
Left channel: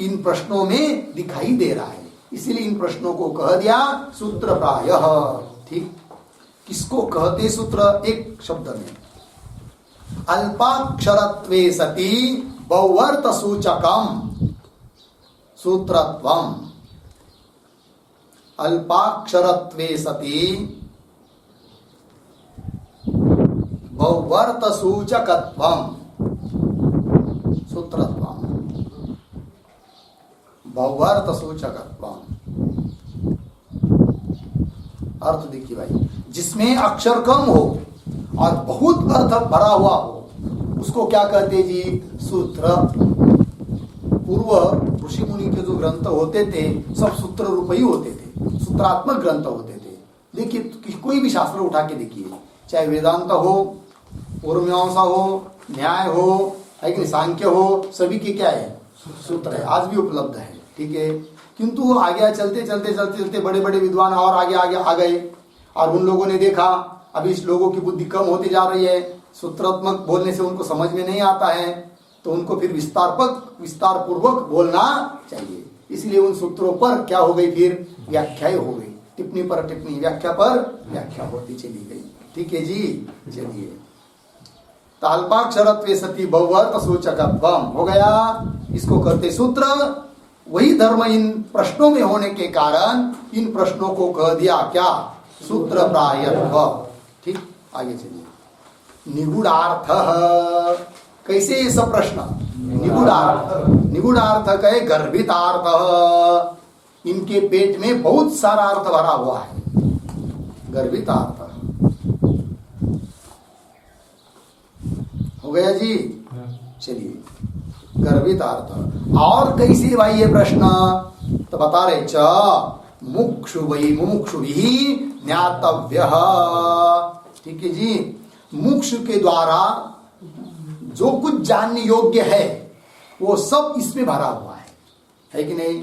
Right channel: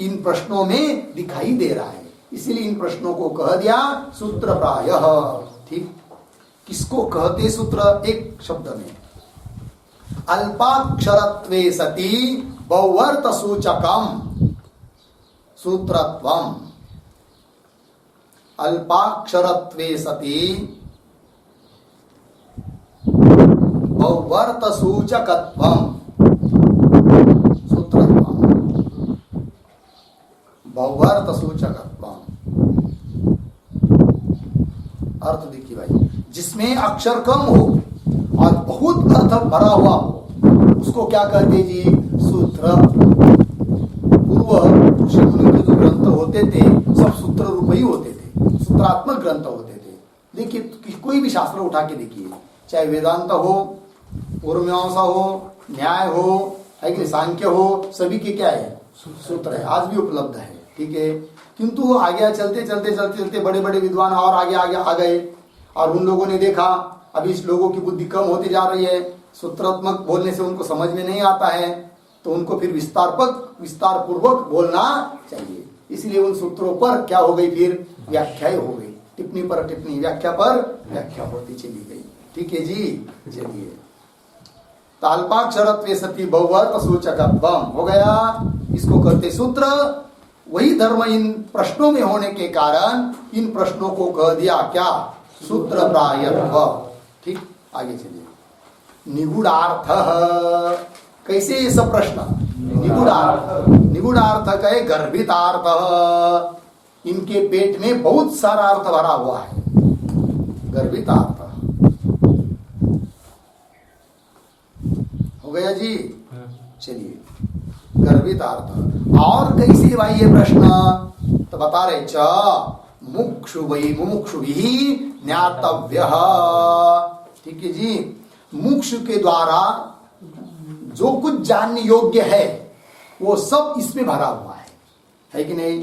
इन प्रश्नों में दिखाई दे रहा है, इसलिए इन प्रश्नों को कह दिया सूत्र प्रायः। ठीक, किसको कहते सूत्र? एक शब्द में, अल्पाक्षरत्वे सति बहुवर्त सूचकम सूत्रत्वम। अल्पाक्षरत्वे सति बहुवर्त सूचकत्वम सूत्रत्वम, बहुवर्त सूचकत्वम। अर्थ देखिए भाई, जिसमें अक्षर कम हो और बहुत अर्थ भरा हुआ हो, उसको क्या कहते जी? सूत्र। पूर्व ऋषि मुनि के जो ग्रंथ होते थे सब सूत्र रूप ही होते थे, सूत्रात्मक ग्रंथ होते थे। देखिए कोई भी शास्त्र उठा के देखिए, चाहे वेदांत हो, पूर्वमीमांसा हो, न्याय हो, है कि सांख्य हो, सभी के क्या है? सूत्र है, आज भी उपलब्ध है। ठीक है, किंतु आगे चलते चलते चलते चलते बड़े बड़े विद्वान और आगे आगे आ गए, और उन लोगों ने देखा अभी इस लोगों की बुद्धि कम होती जा रही है, सूत्रात्मक बोलने से उनको समझ में नहीं आता है, तो उनको फिर विस्तार पूर्वक बोलना चाहिए। इसलिए उन सूत्रों पर क्या हो गई? फिर व्याख्या हो गई, टिप्पणी पर टिप्पणी, व्याख्या पर व्याख्या होती चली गई। ठीक है जी, चलिए। अल्पाक्षरत्वे सति बहुवर्त सूचकत्वम हो गया, इसको कहते सूत्र। वही धर्म इन प्रश्नों में होने के कारण इन प्रश्नों को कह दिया क्या? सूत्र प्रायत्व। ठीक, आगे चलिए। निगूढ़ार्थ, कैसे ये सब प्रश्न? निगूढ़ार्थ, निगूढ़ार्थ कहे गर्भितार्थ, इनके पेट में बहुत सारा अर्थ भरा हुआ है, गर्भितार्थ हो गया जी। चलिए, गर्भितार्थ। और कैसे भाई ये प्रश्न? तो बता रहे, च मुमुक्षु वही मुमुक्षु भी ज्ञातव्य। ठीक है जी, मुमुक्षु के द्वारा जो कुछ जानने योग्य है वो सब इसमें भरा हुआ है कि नहीं?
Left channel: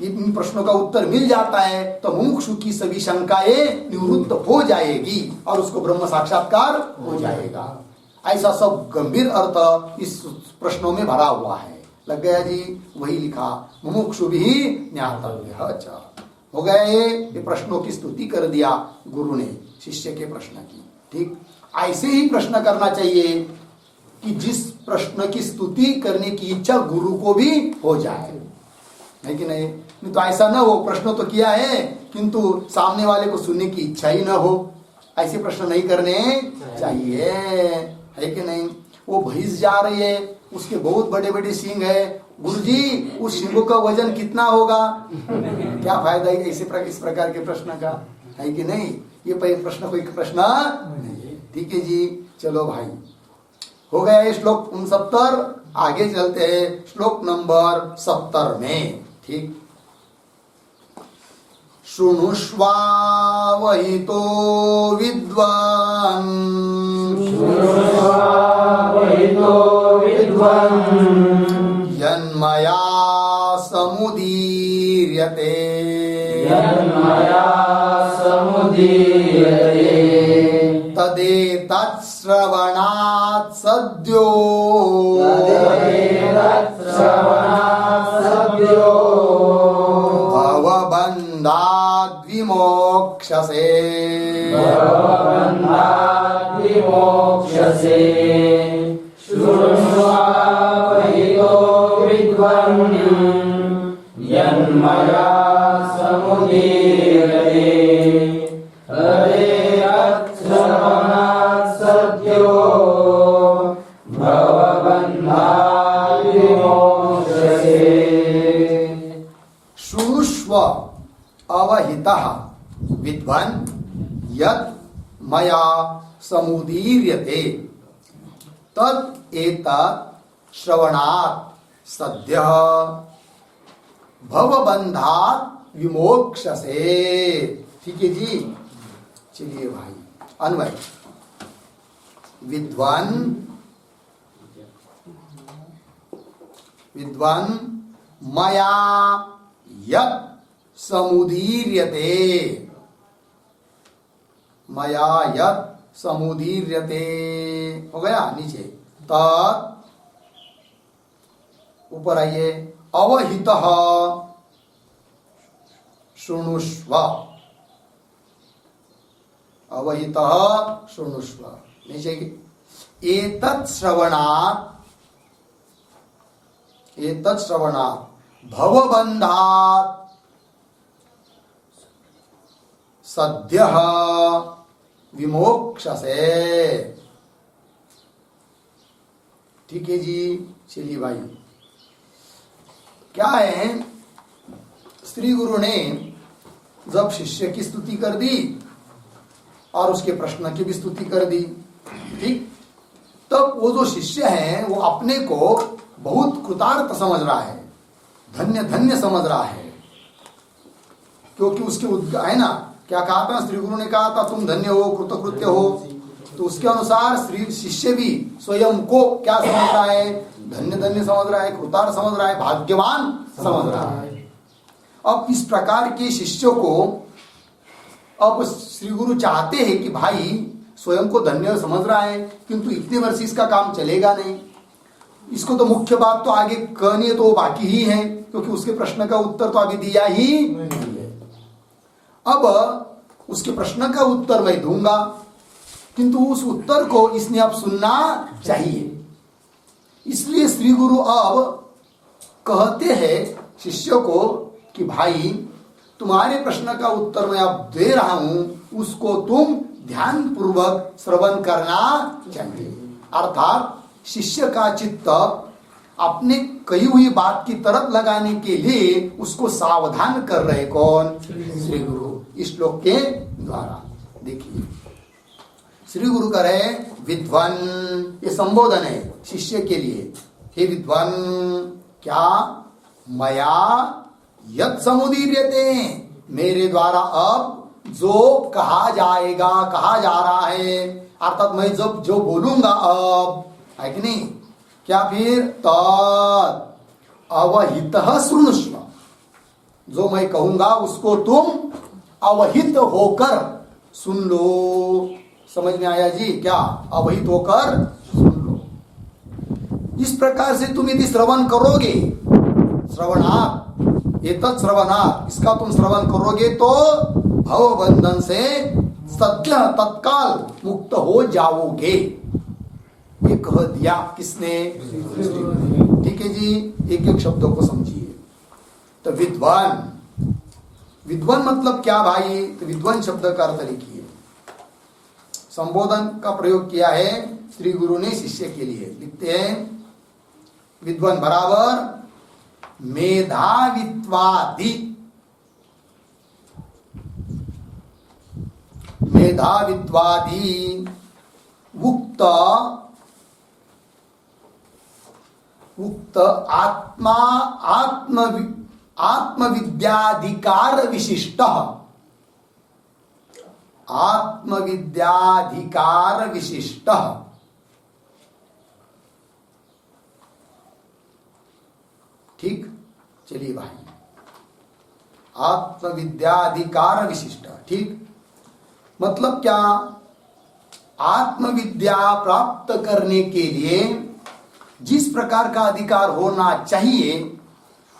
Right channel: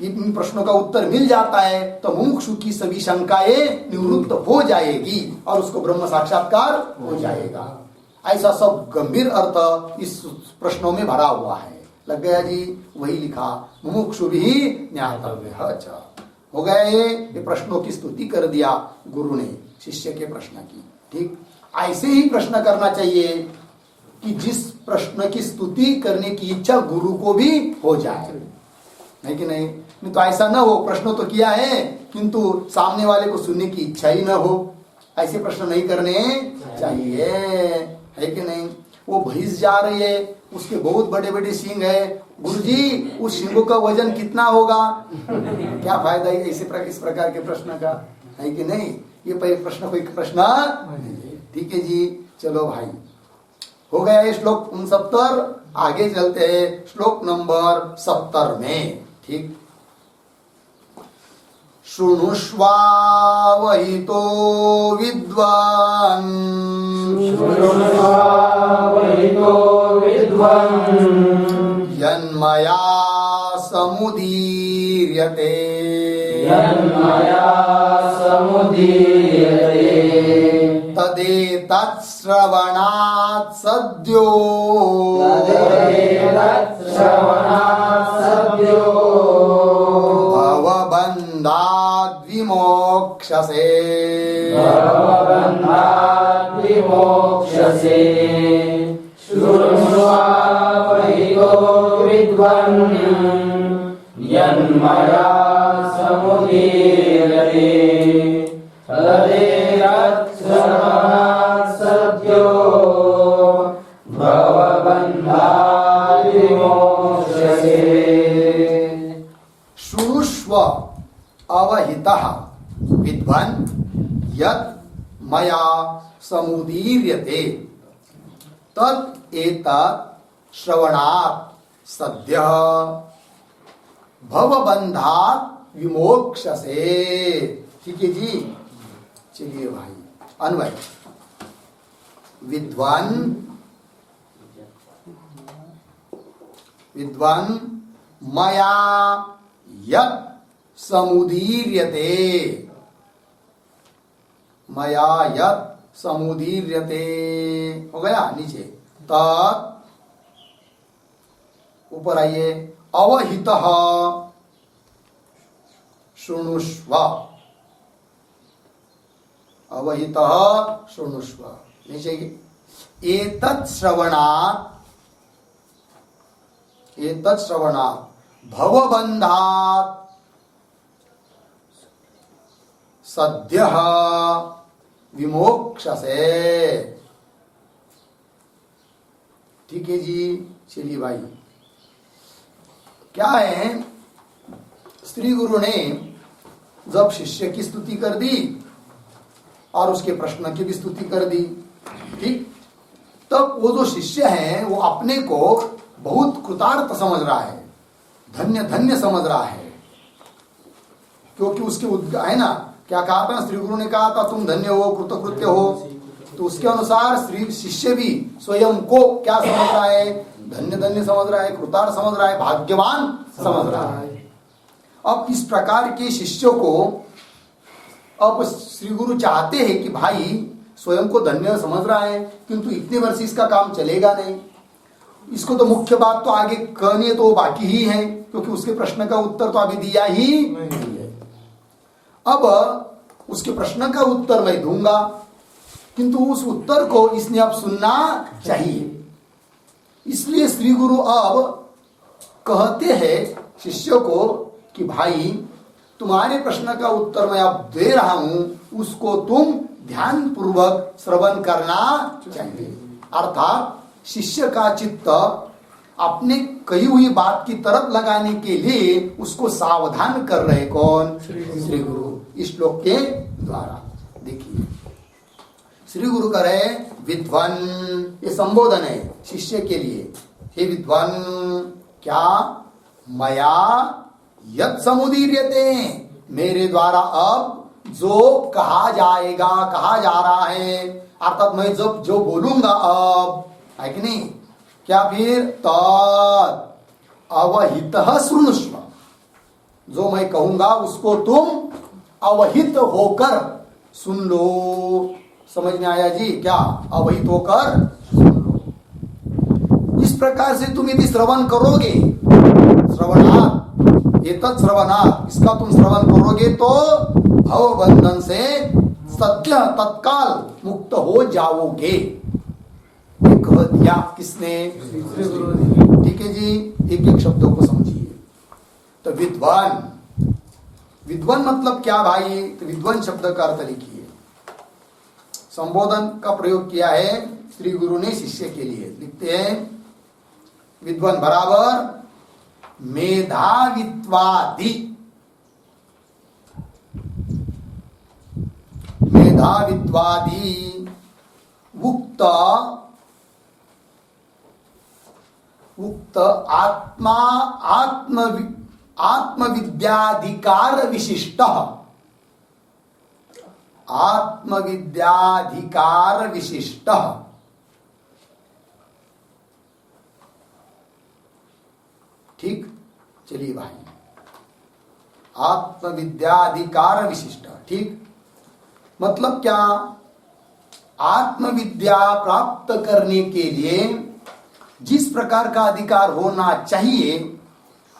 इन प्रश्नों का उत्तर मिल जाता है तो मुमुक्षु की सभी शंकाएं निवृत्त हो जाएगी और उसको ब्रह्म साक्षात्कार हो जाएगा। ऐसा सब गंभीर अर्थ इस प्रश्नों में भरा हुआ है। लग गया जी? वही लिखा, मुमुक्षु भी ज्ञातव्य। अच्छा, हो गया ये प्रश्नों की स्तुति कर दिया गुरु ने शिष्य के प्रश्न की। ठीक, ऐसे ही प्रश्न करना चाहिए कि जिस प्रश्न की स्तुति करने की इच्छा गुरु को भी हो जाए, है कि नहीं? तो ऐसा ना हो, प्रश्न तो किया है किंतु सामने वाले को सुनने की इच्छा ही ना हो, ऐसे प्रश्न नहीं करने चाहिए, है कि नहीं? वो भैंस जा रही है, उसके बहुत बड़े बड़े सींग है, गुरुजी उस सींगों का वजन कितना होगा? क्या फायदा है इस प्रकार के प्रश्न का, है कि नहीं? ये प्रश्न कोई प्रश्न नहीं है। ठीक है जी, चलो भाई, हो गया ये श्लोक 69। आगे चलते हैं श्लोक नंबर 70 में। ठीक, शृणुष्वा वही तो विद्वान्, यन्मया समुदीर्यते, तदेतत् श्रवणात् सद्यो भवबन्धाद् विमोक्ष्यसे शृण्वावहितो विद्वान् यन्मया समुदीर्यते तदेतच्छ्रवणात् सद्यो भवबन्धाद् विमोक्ष्यसे। शृणुष्व अवहितः विद्वान् यत् मया समुदीर्यते तत् एतत् श्रवणात् सद्यः भवबन्धात् विमोक्ष्यसे। ठीक है जी, चलिए भाई अन्वय। विद्वान् विद्वान् मया यत् समुदीर्यते मया यत् समुदीर्यते हो गया नीचे। तत् ऊपर आइए अवहितः शृणुष्व अवहितः शृणुष्व नीचे एतत् श्रवणात् भवबन्धात् सद्यः विमोक्ष्यसे। ठीक है जी, चलिए भाई। क्या है, श्री गुरु ने जब शिष्य की स्तुति कर दी और उसके प्रश्न की भी स्तुति कर दी, ठीक, तब वो जो शिष्य है वो अपने को बहुत कृतार्थ समझ रहा है, धन्य धन्य समझ रहा है, क्योंकि उसके है ना, क्या कहा था, श्री गुरु ने कहा था तुम धन्य हो, कृतकृत्य हो, तो उसके अनुसार श्री शिष्य भी स्वयं को क्या समझ रहा है, धन्य धन्य समझ रहा है, कृतार्थ समझ रहा है, भाग्यवान समझ रहा है। अब इस प्रकार के शिष्यों को अब श्री गुरु चाहते हैं कि भाई स्वयं को धन्य समझ रहा है, किंतु इतने वर्ष इसका काम चलेगा नहीं, इसको तो मुख्य बात तो आगे कहनी है, तो वो बाकी ही है, क्योंकि उसके प्रश्न का उत्तर तो अभी दिया ही नहीं है। अब उसके प्रश्न का उत्तर मैं दूंगा, किंतु उस उत्तर को इसने अब सुनना चाहिए। इसलिए श्री गुरु अब कहते हैं शिष्य को कि भाई तुम्हारे प्रश्न का उत्तर मैं अब दे रहा हूं, उसको तुम ध्यान पूर्वक श्रवण करना चाहिए। अर्थात शिष्य का चित्त अपने कही हुई बात की तरफ लगाने के लिए उसको सावधान कर रहे कौन, श्री गुरु, इस श्लोक के द्वारा। देखिए श्री गुरु करे विद्वान, ये संबोधन है शिष्य के लिए। हे विद्वान, क्या मया यत् समुदीर्यते, मेरे द्वारा अब जो कहा जाएगा, कहा जा रहा है, अर्थात मैं जब जो बोलूंगा अब, है कि नहीं, क्या फिर तत् अवहितः शृणुष्व, जो मैं कहूंगा उसको तुम अवहित होकर सुन लो। समझ में आया जी, क्या अवहित होकर सुन लो। इस प्रकार से तुम यदि श्रवण करोगे, श्रवणात् एतत् श्रवणात्, इसका तुम श्रवण करोगे तो भव बंधन से सद्य तत्काल मुक्त हो जाओगे। ये कह दिया किसने, ठीक है जी। एक एक शब्दों को समझिए। तो विद्वान, विद्वान मतलब क्या भाई, तो विद्वान शब्द का अर्थ लिखिए। संबोधन का प्रयोग किया है श्री गुरु ने शिष्य के लिए। लिखते हैं विद्वान बराबर मेधावित्वादि, मेधावित्वादि उक्त आत्मा आत्मविद्याधिकार विशिष्ट, आत्मविद्याधिकार विशिष्ट। ठीक, चलिए भाई, आत्मविद्याधिकार विशिष्ट, ठीक, मतलब क्या, आत्मविद्या प्राप्त करने के लिए जिस प्रकार का अधिकार होना चाहिए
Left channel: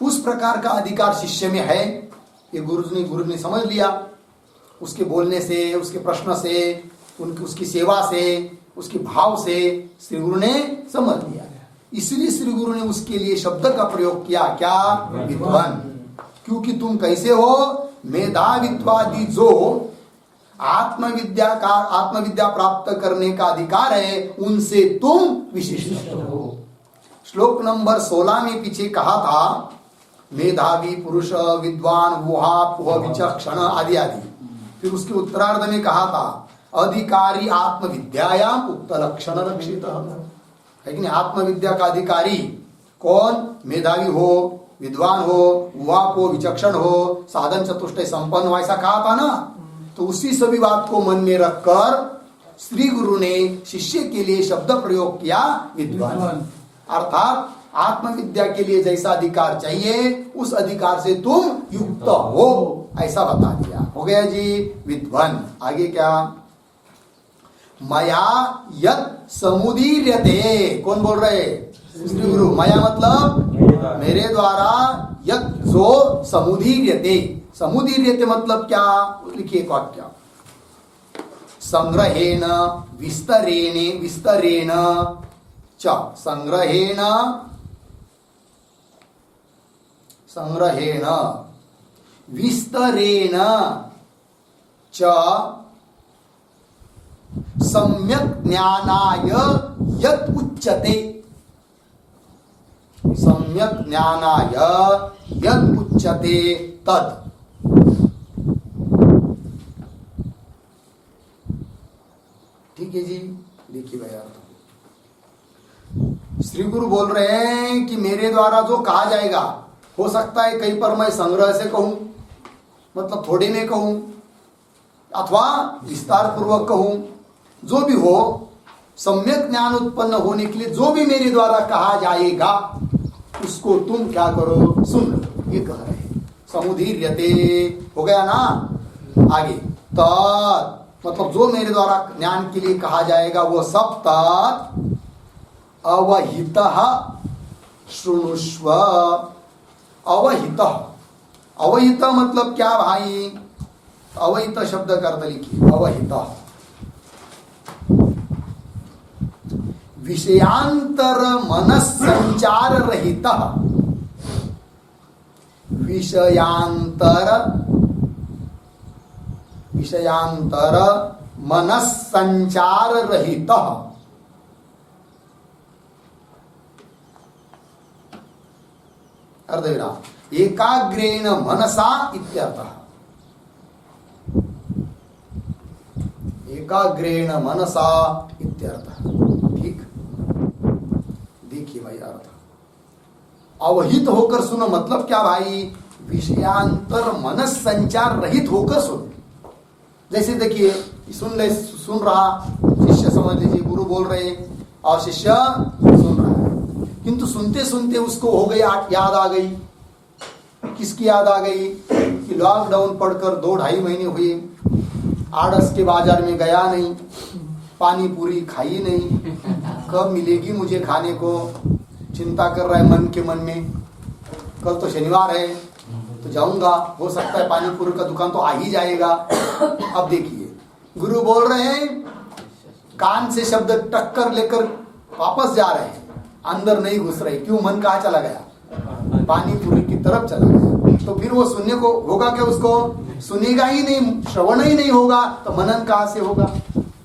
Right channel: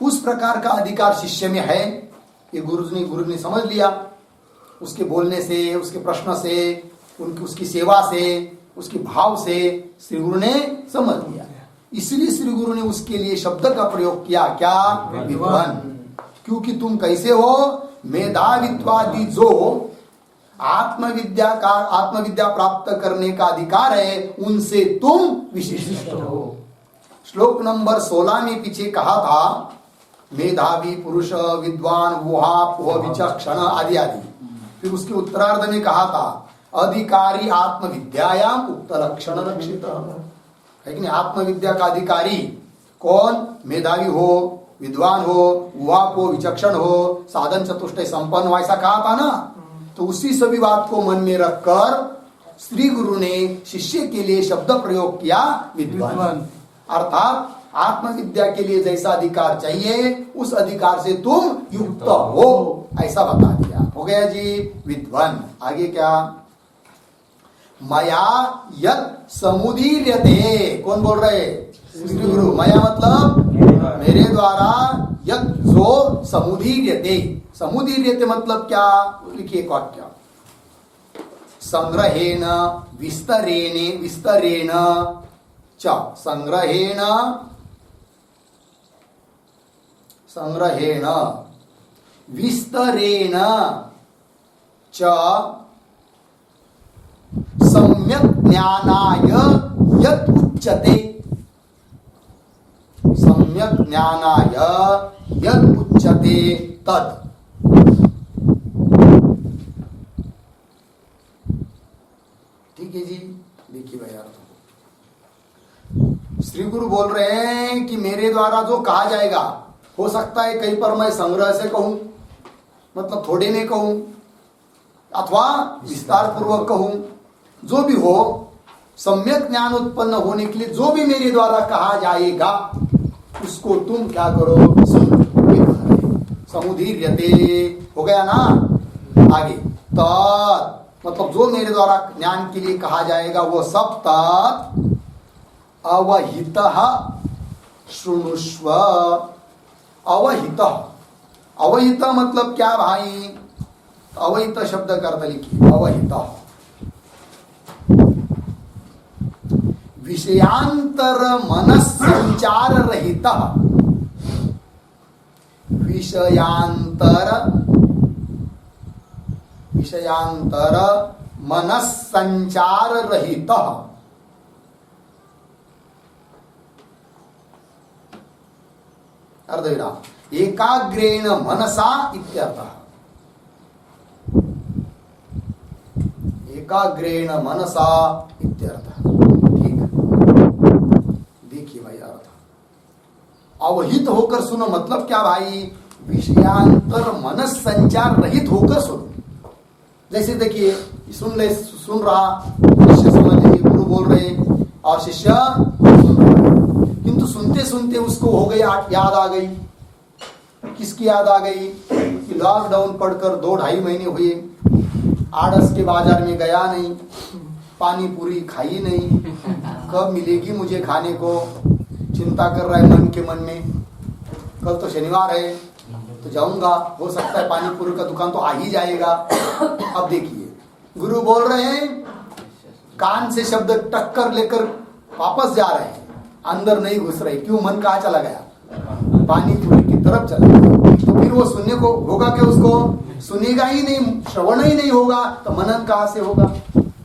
उस प्रकार का अधिकार शिष्य में है। ये गुरु ने समझ लिया, उसके बोलने से, उसके प्रश्न से, उसकी सेवा से, उसके भाव से श्री गुरु ने समझ लिया। इसलिए श्री गुरु ने उसके लिए शब्द का प्रयोग किया, क्या? विद्वान। क्योंकि तुम कैसे हो? मेधावित्वादि जो आत्मविद्या प्राप्त करने का अधिकार है उनसे तुम विशिष्ट हो। श्लोक नंबर 16 में पीछे कहा था मेधावी पुरुष, विद्वान, वोहा विचक्षण आदि आदि। फिर उसके उत्तरार्ध में कहा था अधिकारी आत्मविद्यायाम उक्त लक्षण रक्षित है कि नहीं। आत्मविद्या का अधिकारी कौन? मेधावी हो, विद्वान हो, वाप हो, विचक्षण हो, साधन चतुष्टय संपन्न हो, ऐसा कहा था ना। तो उसी सभी बात को मन में रखकर श्री गुरु ने शिष्य के लिए शब्द प्रयोग किया विद्वान। अर्थात आत्मविद्या के लिए जैसा अधिकार चाहिए उस अधिकार से तुम युक्त हो, ऐसा बता दिया। हो गया जी विद्वान। आगे क्या? मया यत समुदीर्यते। कौन बोल रहे? श्री गुरु। मया मतलब मेरे द्वारा, यत जो समुदीर्यते। समुदीर्यते मतलब क्या? लिखिए एक वाक्य, संग्रहेण विस्तरेण च। संग्रहेण विस्तरेण च सम्यक ज्ञानाय यत् उच्यते। सम्यक ज्ञानाय यत् उच्यते तत्। ठीक है जी। देखिए भाई अर्थ, श्री गुरु बोल रहे हैं कि मेरे द्वारा जो कहा जाएगा, हो सकता है कहीं पर मैं संग्रह से कहूं, मतलब थोड़े में कहूं, अथवा विस्तार पूर्वक कहूं, जो भी हो, सम्यक ज्ञान उत्पन्न होने के लिए जो भी मेरे द्वारा कहा जाएगा उसको तुम क्या करो? सुन। ये कह रहे समुदीर्यते। हो गया ना। आगे तत् मतलब जो मेरे द्वारा ज्ञान के लिए कहा जाएगा वो सब तत् अवहितः शृणुष्व। अवहितः, अवहित मतलब क्या भाई? अवहित शब्द का अर्थ लिखिए। अवहितः विषयांतर मनस्संचार रहित। विषयांतर मनस्संचार रहित। अर्धविराम एकाग्रेण मनसा इत्यर्थः। एकाग्रेण मनसा इत्यर्थः। ठीक। देखिए भाई अर्थ, अवहित होकर सुनो मतलब क्या भाई? विषयांतर मनस संचार रहित होकर सुनो। जैसे देखिए सुन रहा शिष्य, समझ लीजिए गुरु बोल रहे और शिष्य सुन रहा है, किंतु सुनते सुनते उसको हो गई याद आ गई। किसकी याद आ गई? कि लॉकडाउन पढ़कर 2-2.5 महीने हुए, आड़स के बाजार में गया नहीं, पानी पूरी खाई नहीं, कब मिलेगी मुझे खाने को, चिंता कर रहा है मन के मन में। कल तो शनिवार है तो जाऊंगा, हो सकता है पानी पूरी का दुकान तो आ ही जाएगा। अब देखिए गुरु बोल रहे हैं, कान से शब्द टक्कर लेकर वापस जा रहे हैं, अंदर नहीं घुस रहे। क्यों? मन कहाँ चला गया? पानी पूरी की तरफ चला गया। तो फिर वो सुनने को होगा क्या? उसको सुनेगा ही नहीं, श्रवण ही नहीं होगा, तो मनन कहाँ से होगा?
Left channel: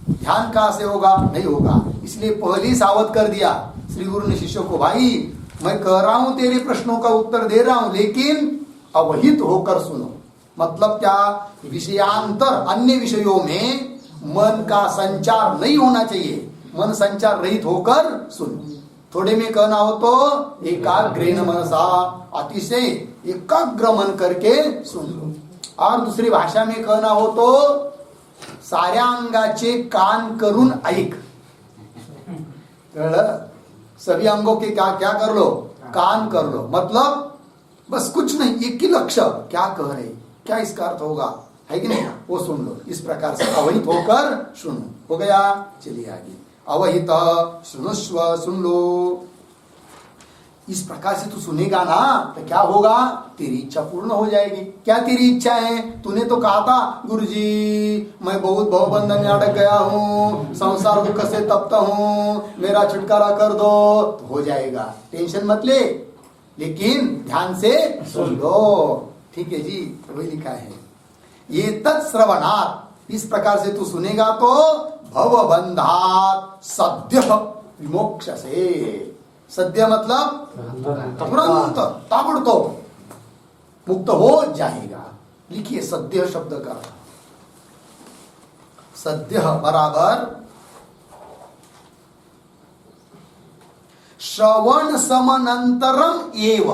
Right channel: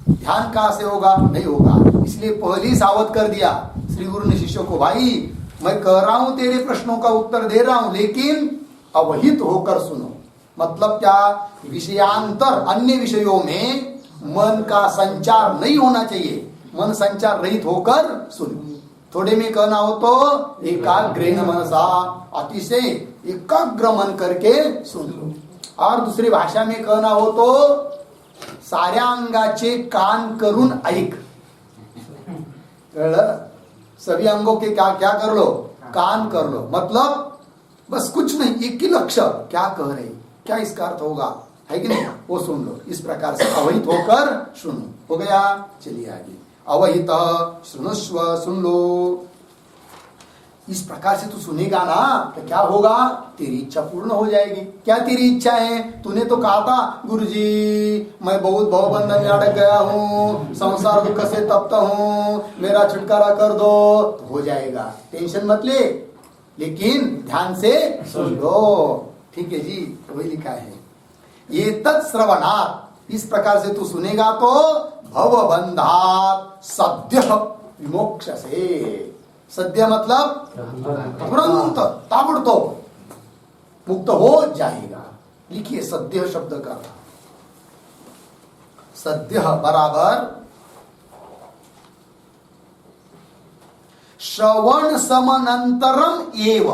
ध्यान कहाँ से होगा? नहीं होगा। इसलिए पहले ही सावध कर दिया श्री गुरु ने शिष्यों को, भाई मैं कह रहा हूं तेरे प्रश्नों का उत्तर दे रहा हूं, लेकिन अवहित होकर सुनो। मतलब क्या? विषयांतर अन्य विषयों में मन का संचार नहीं होना चाहिए, मन संचार रहित होकर सुनो। थोड़े में कहना हो तो एकाग्रेण मनसा, अतिशय एकाग्र मन करके सुन लो। और दूसरी भाषा में कहना हो तो साऱ्या अंगाचे कान करून ऐक। सभी अंगों के क्या क्या कर लो? कान कर लो। मतलब बस कुछ नहीं, एक ही लक्ष्य, क्या कह रहे, क्या इसका अर्थ होगा, है कि नहीं, वो सुन लो। इस प्रकार से अवहित होकर सुनो। हो गया, चलिए आगे। अवहित सुनुस्व, सुन लो। इस प्रकार से तू सुनेगा ना तो क्या होगा, तेरी इच्छा पूर्ण हो जाएगी। क्या तेरी इच्छा है? तूने तो कहा था गुरुजी मैं बहुत भवबंधन में अटक गया हूँ, संसार दुख से तप्त हूँ, मेरा छुटकारा कर दो, तो हो जाएगा, टेंशन मत ले, लेकिन ध्यान से सुन लो। ठीक है जी, वही लिखा है। ये तत्श्रवणात्, इस प्रकार से तू सुनेगा तो भवबंधात् सद्य विमोक्षसे। सद्य मतलब तुरंत, ताबड़तोड़ मुक्त हो जाएगा। लिखिए सद्य शब्द का अर्थ। सद्य बराबर श्रवण समनंतरम एव।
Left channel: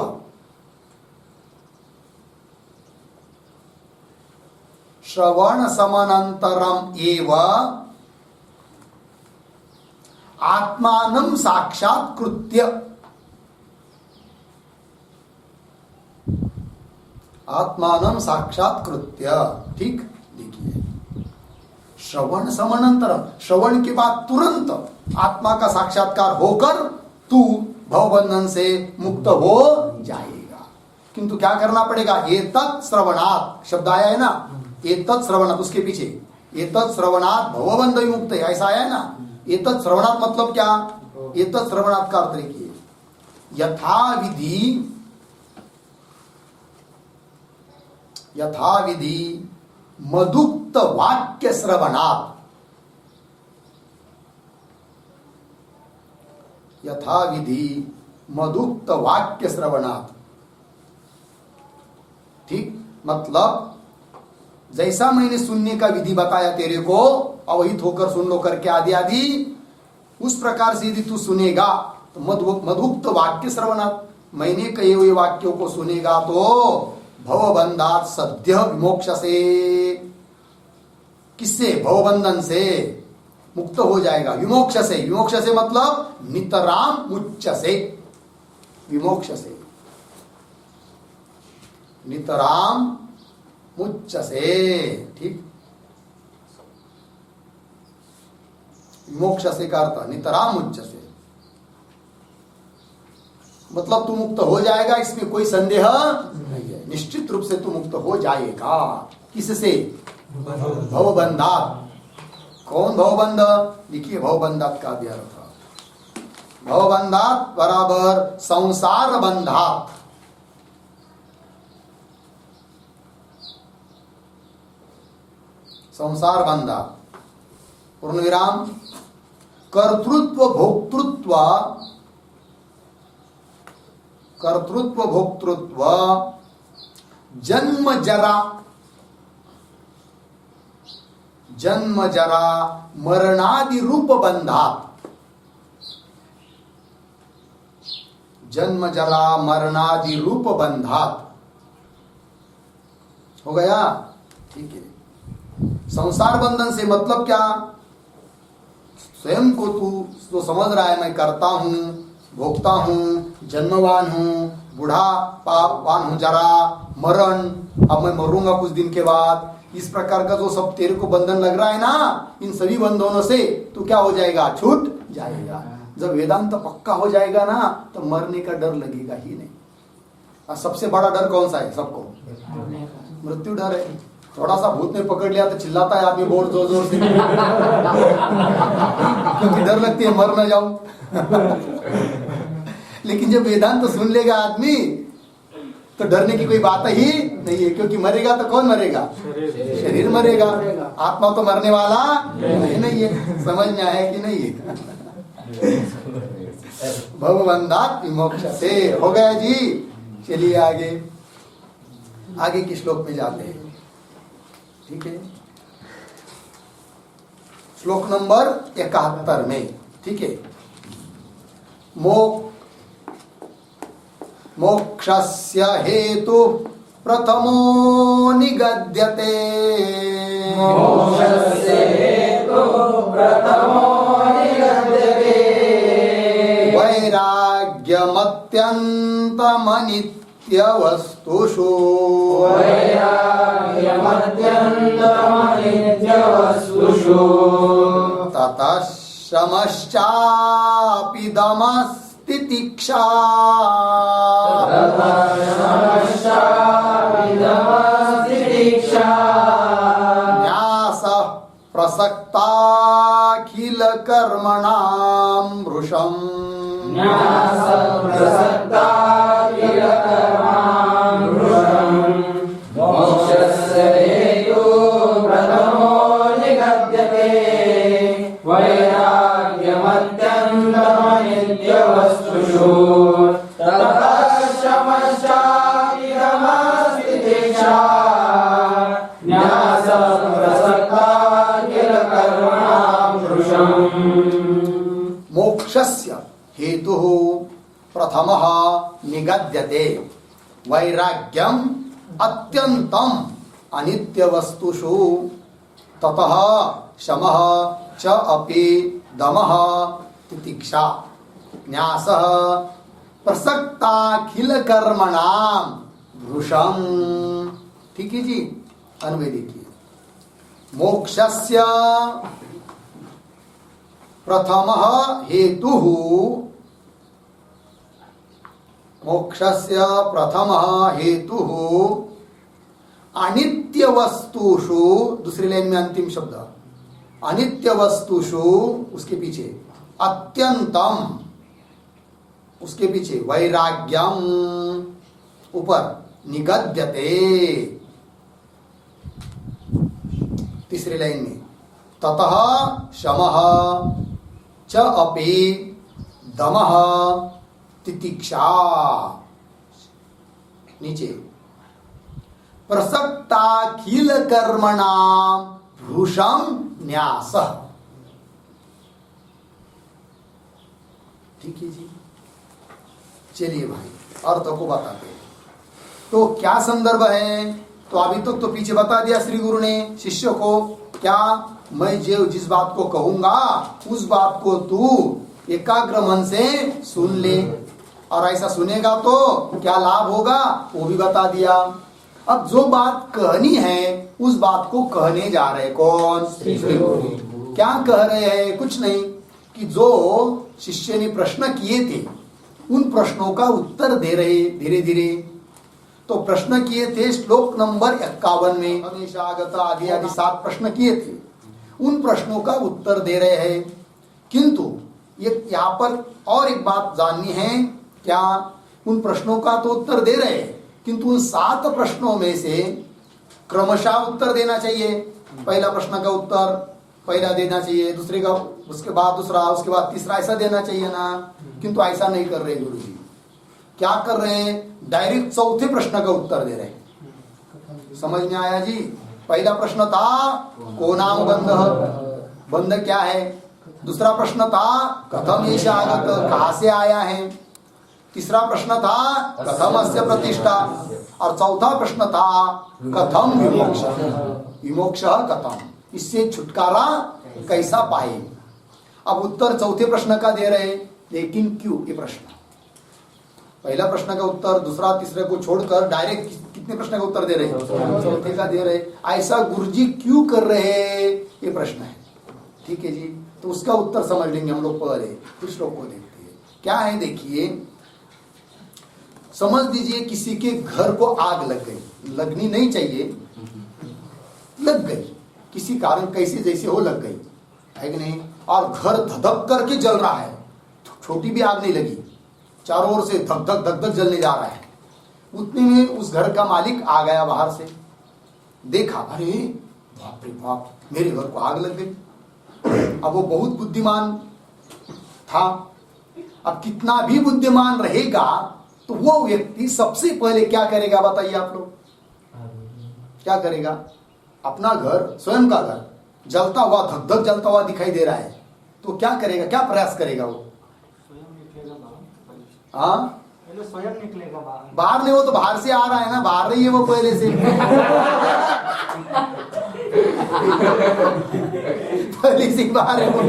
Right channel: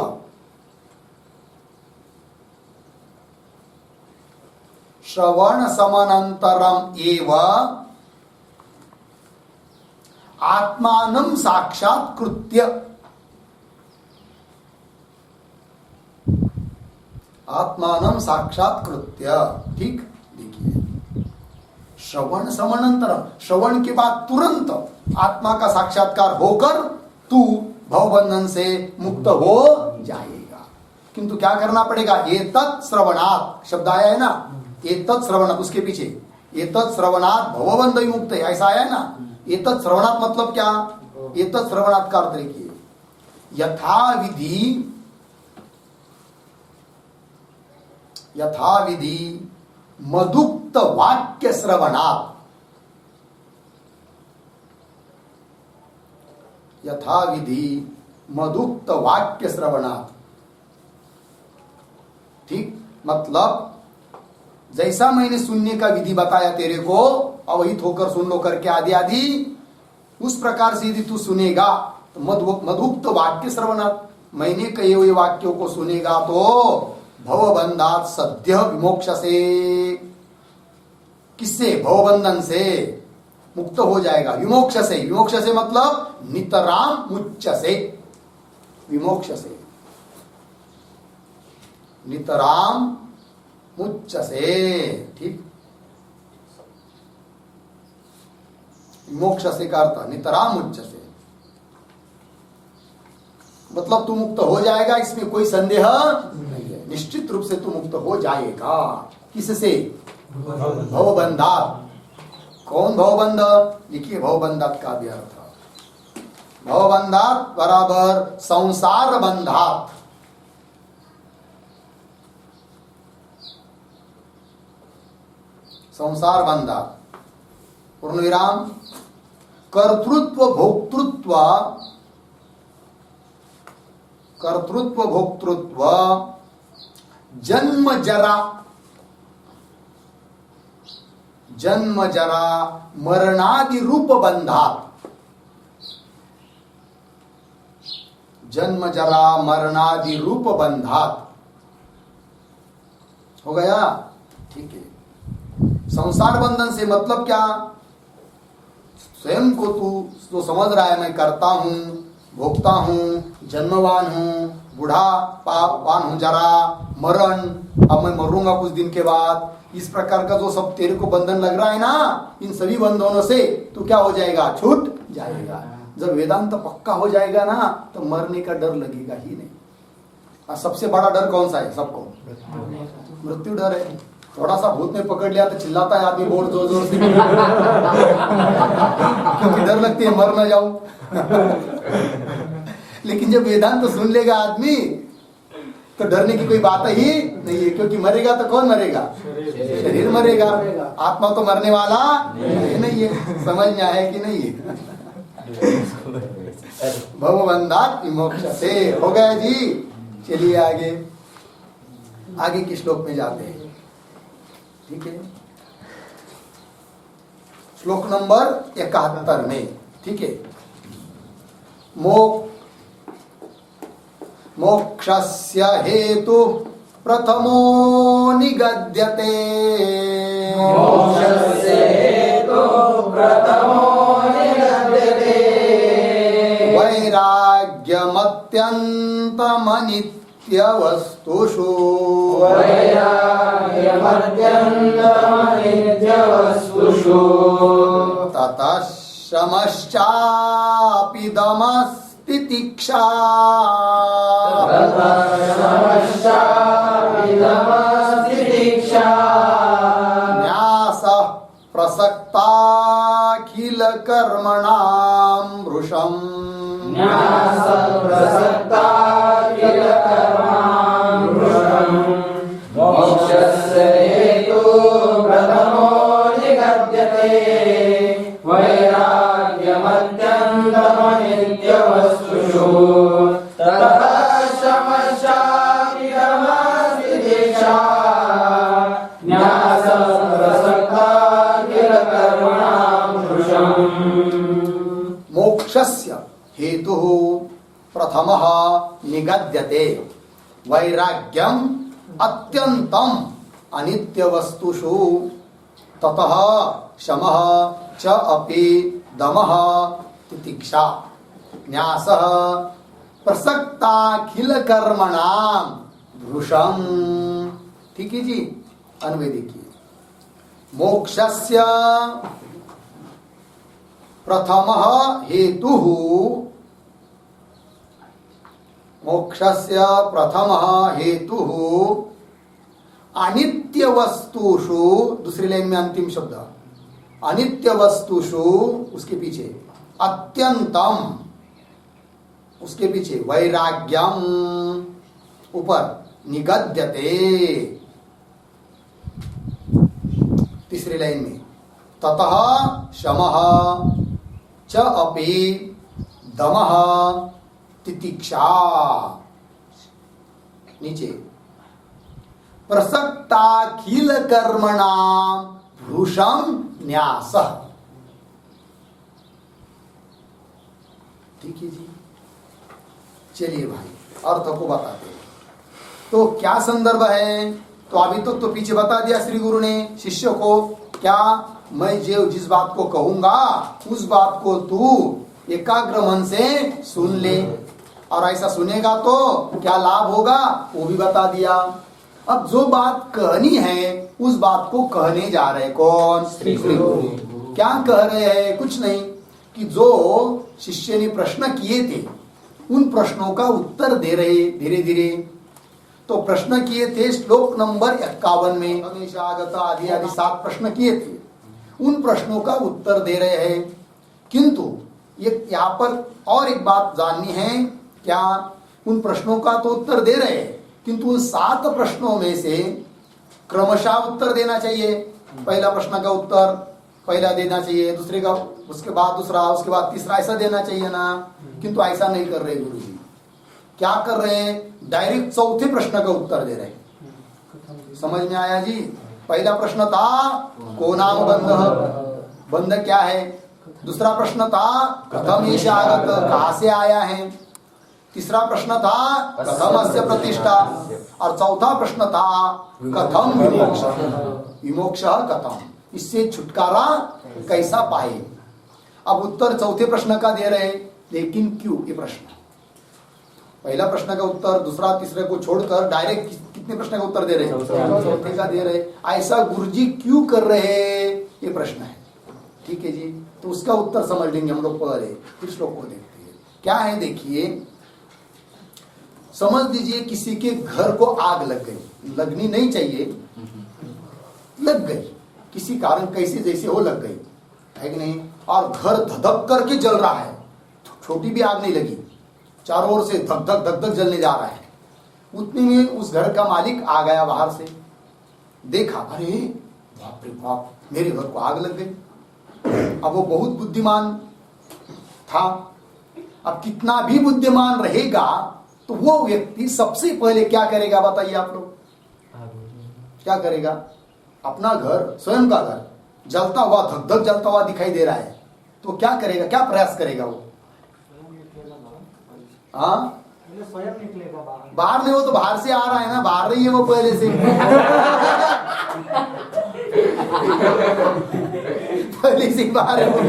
श्रवण समनंतरम एव आत्मानं साक्षात्कृत्य। आत्मानं साक्षात्कृत्य। ठीक, देखिए श्रवण समनंतरम, श्रवण के बाद तुरंत आत्मा का साक्षात्कार होकर तू भवबंधन से मुक्त हो जाएगा। किंतु क्या करना पड़ेगा? एतत् श्रवणात् शब्द आया है ना, एतत् श्रवणात्, उसके पीछे एतत् श्रवणात् भवबंध विमुक्त, ऐसा आया है ना। एतत् श्रवणात् मतलब क्या? एतत् श्रवणात् का अर्थ देखिए, यथाविधि मदुक्त वाक्य श्रवणात्। यथाविधि मदुक्त वाक्य श्रवणात्। ठीक, मतलब जैसा मैंने सुनने का विधि बताया तेरे को, अवहित होकर सुन लो करके आदि आदि, उस प्रकार से यदि तू सुनेगा तो मधुक्त वाक्य श्रवणात्, मैंने कहे हुए वाक्यों को सुनेगा तो भवबंधात् सद्य विमोक्षसे। किससे? भवबंधन से मुक्त हो जाएगा। विमोक्षसे, विमोक्षसे मतलब नितराम मुच्यसे। विमोक्षसे नितराम मुच्यसे। ठीक, विमोक्षसे का अर्थ नितराम मुच्यसे, मतलब तू मुक्त हो जाएगा, इसमें कोई संदेह नहीं है। निश्चित रूप से तू मुक्त हो जाएगा। किससे? भवबंधात्। कौन भवबंध? लिखिए भवबंधात् का भी अर्थ, भवबंधात् बराबर संसार बंधात्। संसार बंधात् पूर्ण विराम कर्तृत्व भोक्तृत्व, कर्तृत्व भोक्तृत्व जन्म जरा, जन्म जरा मरणादि रूप बंधात्। जन्म जरा मरणादि रूप बंधात्। हो गया? ठीक है। संसार बंधन से मतलब क्या? स्वयं को तू तो समझ रहा है मैं करता हूं, भोगता हूं, जन्मवान हूं, बूढ़ा पापान हूं, जरा मरण, अब मैं मरूंगा कुछ दिन के बाद, इस प्रकार का जो सब तेरे को बंधन लग रहा है ना, इन सभी बंधनों से तू क्या हो जाएगा? छूट जाएगा। जब वेदांत पक्का हो जाएगा ना तो मरने का डर लगेगा ही नहीं। और सबसे बड़ा डर कौन सा है सबको? मृत्यु डर है। थोड़ा सा भूत ने पकड़ लिया तो चिल्लाता है आदमी बहुत जोर जोर से क्योंकि डर लगती है मर ना जाऊं। लेकिन जब वेदांत तो सुन लेगा आदमी तो डरने की कोई बात ही नहीं है, क्योंकि मरेगा तो कौन मरेगा? शरीर मरेगा, आत्मा तो मरने वाला नहीं है। समझ में आया कि नहीं है? भवबंधात् विमोक्षसे। हो गया जी। चलिए आगे, आगे के श्लोक में जाते हैं। ठीक है, श्लोक नंबर 71 में। ठीक है, मोक्षस्य हेतु प्रथमो निगद्यते। मोक्षस्य हेतु प्रथमो निगद्यते। वैराग्यमत्यन्तमनित्यवस्तु। वस्तुषु वैराग्यमत्यन्तमनित्यवस्तुषु ततः शमश्चापि दमस्तितिक्षा न्यासः प्रसक्ताखिलकर्मणां वृषम् मोक्षस्य हेतु प्रथमो निगद्यते वैराग्यमत्यन्तमनित्यवस्तुषु ततः शमश्चापि दमस्तितिक्षा न्यासः प्रसक्ताखिलकर्मणां वृषम्। मोक्षस्य हेतुः प्रथमः निगद्यते वैराग्यम अत्यंतम अनित्यवस्तुषु ततः शमः च अपि दमः तितिक्षा न्यासः प्रसक्ताखिलकर्मणां वृषम्। ठीक है जी, अन्वय देखिए। मोक्षस्य प्रथमः हेतुः मोक्षस्य प्रथमः हेतुः अनित्य वस्तुषु, दूसरी लाइन में अंतिम शब्द अनित्य वस्तुषु, उसके पीछे अत्यंतम, उसके पीछे वैराग्यम, ऊपर निगद्यते, तीसरी लाइन में ततः शमः च अपि दमः तितिक्षा, नीचे प्रसक्ताखिल कर्मणां भृशं न्यासः। ठीक है जी, चलिए भाई अर्थ को बताते हैं। तो क्या संदर्भ है? तो अभी तक तो पीछे बता दिया श्री गुरु ने शिष्य को, क्या मैं जो जिस बात को कहूंगा उस बात को तू एकाग्र मन से सुन ले, और ऐसा सुनेगा तो क्या लाभ होगा वो भी बता दिया। अब जो बात कहनी है उस बात को कहने जा रहे कौन? श्री गुरु। क्या कह रहे हैं? कुछ नहीं, कि जो शिष्य ने प्रश्न किए थे उन प्रश्नों का उत्तर दे रहे धीरे धीरे। तो प्रश्न किए थे श्लोक नंबर 51 में, हमेशा आगत आदि आदि 7 प्रश्न किए थे, उन प्रश्नों का उत्तर दे रहे हैं। किंतु ये यहाँ पर और एक बात जाननी है, क्या उन प्रश्नों का तो उत्तर दे रहे हैं, किंतु उन 7 प्रश्नों में से क्रमशः उत्तर देना चाहिए। पहला प्रश्न का उत्तर पहला देना चाहिए, दूसरे का उसके बाद दूसरा, उसके बाद तीसरा, ऐसा देना चाहिए ना। किंतु ऐसा नहीं कर रहे गुरु जी। क्या कर रहे हैं? डायरेक्ट चौथे प्रश्न का उत्तर दे रहे हैं। समझ में आया जी? पहला प्रश्न था को नाम बंध, बंध क्या है। दूसरा प्रश्न था कथम एष आगत, कहाँ से आया है। तीसरा प्रश्न था कथम अस्य प्रतिष्ठा, और चौथा प्रश्न था कथम विमोक्ष, विमोक्ष कथम, इससे छुटकारा कैसा पाए। अब उत्तर चौथे प्रश्न का दे रहे, लेकिन क्यों? ये प्रश्न पहला प्रश्न का उत्तर दूसरा तीसरे को छोड़कर डायरेक्ट कितने प्रश्न का उत्तर दे रहे? चौथे का दे रहे। ऐसा गुरुजी क्यों कर रहे हैं, ये प्रश्न है। ठीक है जी, तो उसका उत्तर समझ लेंगे हम लोग पहले, फिर श्लोक को देखते हैं। क्या है देखिए, समझ लीजिए किसी के घर को आग लग गई, लगनी नहीं चाहिए, लग गई किसी कारण, कैसे जैसे हो लग गई है कि नहीं, और घर धधक करके जल रहा है, छोटी भी आग नहीं लगी, चारों ओर से धक धक धक धक जलने जा रहा है। उतने में उस घर का मालिक आ गया बाहर से, देखा, अरे बाप रे बाप, मेरे घर को आग लग गई। अब वो बहुत बुद्धिमान था। अब कितना भी बुद्धिमान रहेगा तो वो व्यक्ति सबसे पहले क्या करेगा बताइए आप लोग? क्या करेगा? अपना घर, स्वयं का घर जलता हुआ, धक धक जलता हुआ दिखाई दे रहा है, तो क्या करेगा? क्या प्रयास करेगा वो? हाँ, स्वयं निकलेगा बाहर। बाहर नहीं, वो तो बाहर से आ रहा है ना, बाहर नहीं है वो पहले से। पहले से बाहर है वो।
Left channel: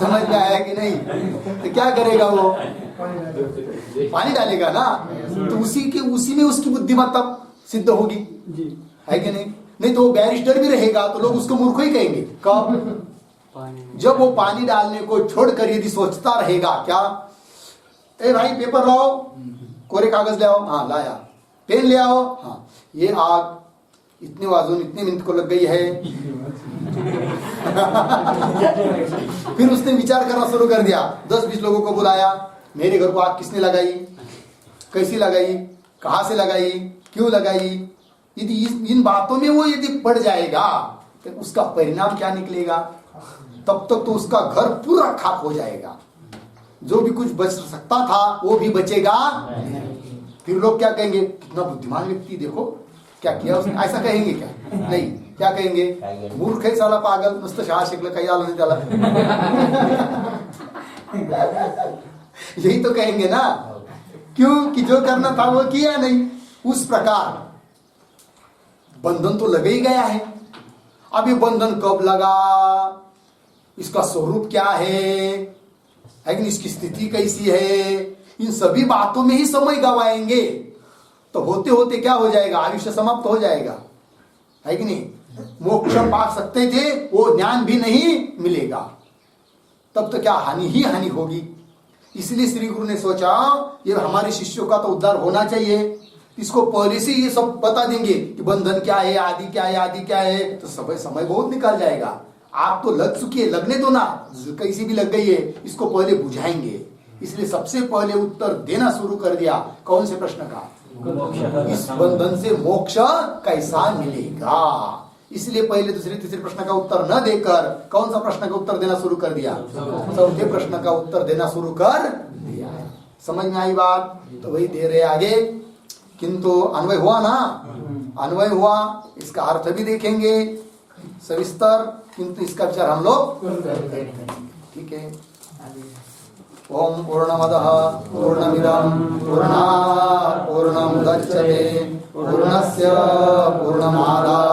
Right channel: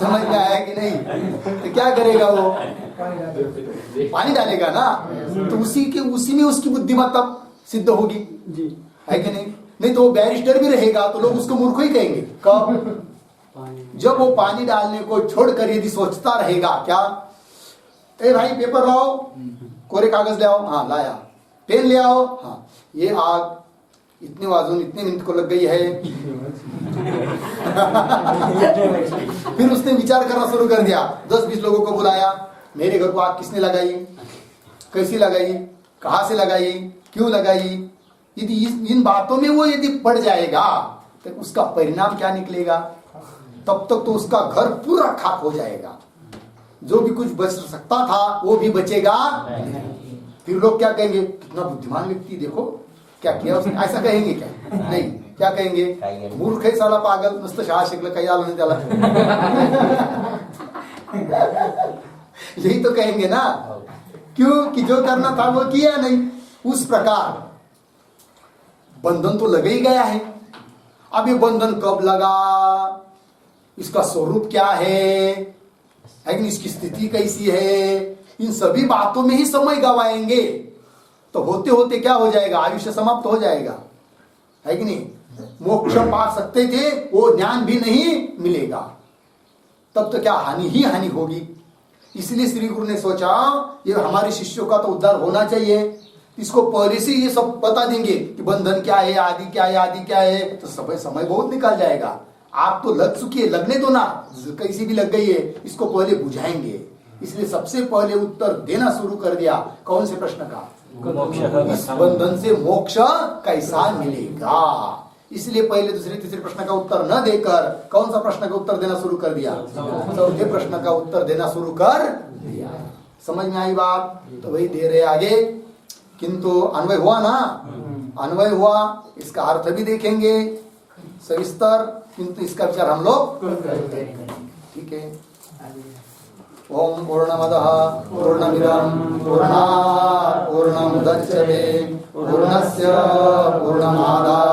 समझ में आया कि नहीं? तो क्या करेगा वो? पानी डालेगा ना, तो उसी में उसकी बुद्धिमत्ता सिद्ध होगी, है कि नहीं? नहीं तो वो बैरिस्टर भी रहेगा तो लोग उसको मूर्ख ही कहेंगे। कब? जब वो पानी डालने को छोड़कर यदि सोचता रहेगा, क्या ए भाई पेपर लाओ, कोरे कागज ले आओ, हाँ लाया, पेन ले आओ, हाँ ये आग इतने वाजून इतने मिनट को लग गई है। फिर उसने विचार करना शुरू कर दिया, 10-20 लोगों को बुलाया, मेरे घर को आग किसने लगाई, कैसी लगाई, कहाँ से लगाई, क्यों लगाई। यदि इन बातों में वो यदि पड़ जाएगा तो उसका परिणाम क्या निकलेगा? तब तक तो उसका घर पूरा खाक हो जाएगा, जो भी कुछ बच सकता था वो भी बचेगा। फिर लोग क्या कहेंगे, कितना बुद्धिमान व्यक्ति, देखो क्या किया उसने, ऐसा कहेंगे क्या? नहीं, क्या कहेंगे, मूर्ख है साला, पागल, नुसतं शाळा शिकलं काही आलं नाही त्याला। यही तो कहेंगे ना, क्यों कि जो करना था वो किया नहीं। उस प्रकार बंधन तो लग ही गया है। अब ये बंधन कब लगा, इसका स्वरूप क्या है कि इसकी स्थिति कैसी है, इन सभी बातों में ही समय गवाएंगे तो होते होते क्या हो जाएगा, आयुष्य समाप्त हो जाएगा, है कि नहीं? मोक्ष पा सकते थे, वो ज्ञान भी नहीं मिलेगा, तब तो क्या हानि ही हानि होगी। इसलिए श्री गुरु ने सोचा ये हमारे शिष्यों का तो उद्धार होना चाहिए, इसको पहले से ये सब बता देंगे कि बंधन क्या है, आदि क्या है, आदि क्या है, तो समय बहुत निकल जाएगा। आप तो लग चुकी है, लगने दो ना, कैसी भी लग गई है, इसको पहले बुझाएंगे। इसलिए सबसे पहले उत्तर देना शुरू कर दिया, कौन से प्रश्न का, इस बंधन से मोक्ष कैसा मिलेगा। इसलिए पहले दूसरे तीसरे प्रश्न का उत्तर न देकर कौन सा प्रश्न का उत्तर देना शुरू कर दिया, चौथे प्रश्न का उत्तर देना शुरू कर दिया। समझ में आई बात? तो वही दे रहे आगे, किंतु अन्वय हुआ ना, अन्वय हुआ, इसका अर्थ भी देखेंगे सविस्तर, किंतु इसका विचार हम लोग करेंगे, ठीक है। ओम पूर्णमदः पूर्णमिदं पूर्णात् पूर्णमुदच्यते पूर्णस्य पूर्णमादाय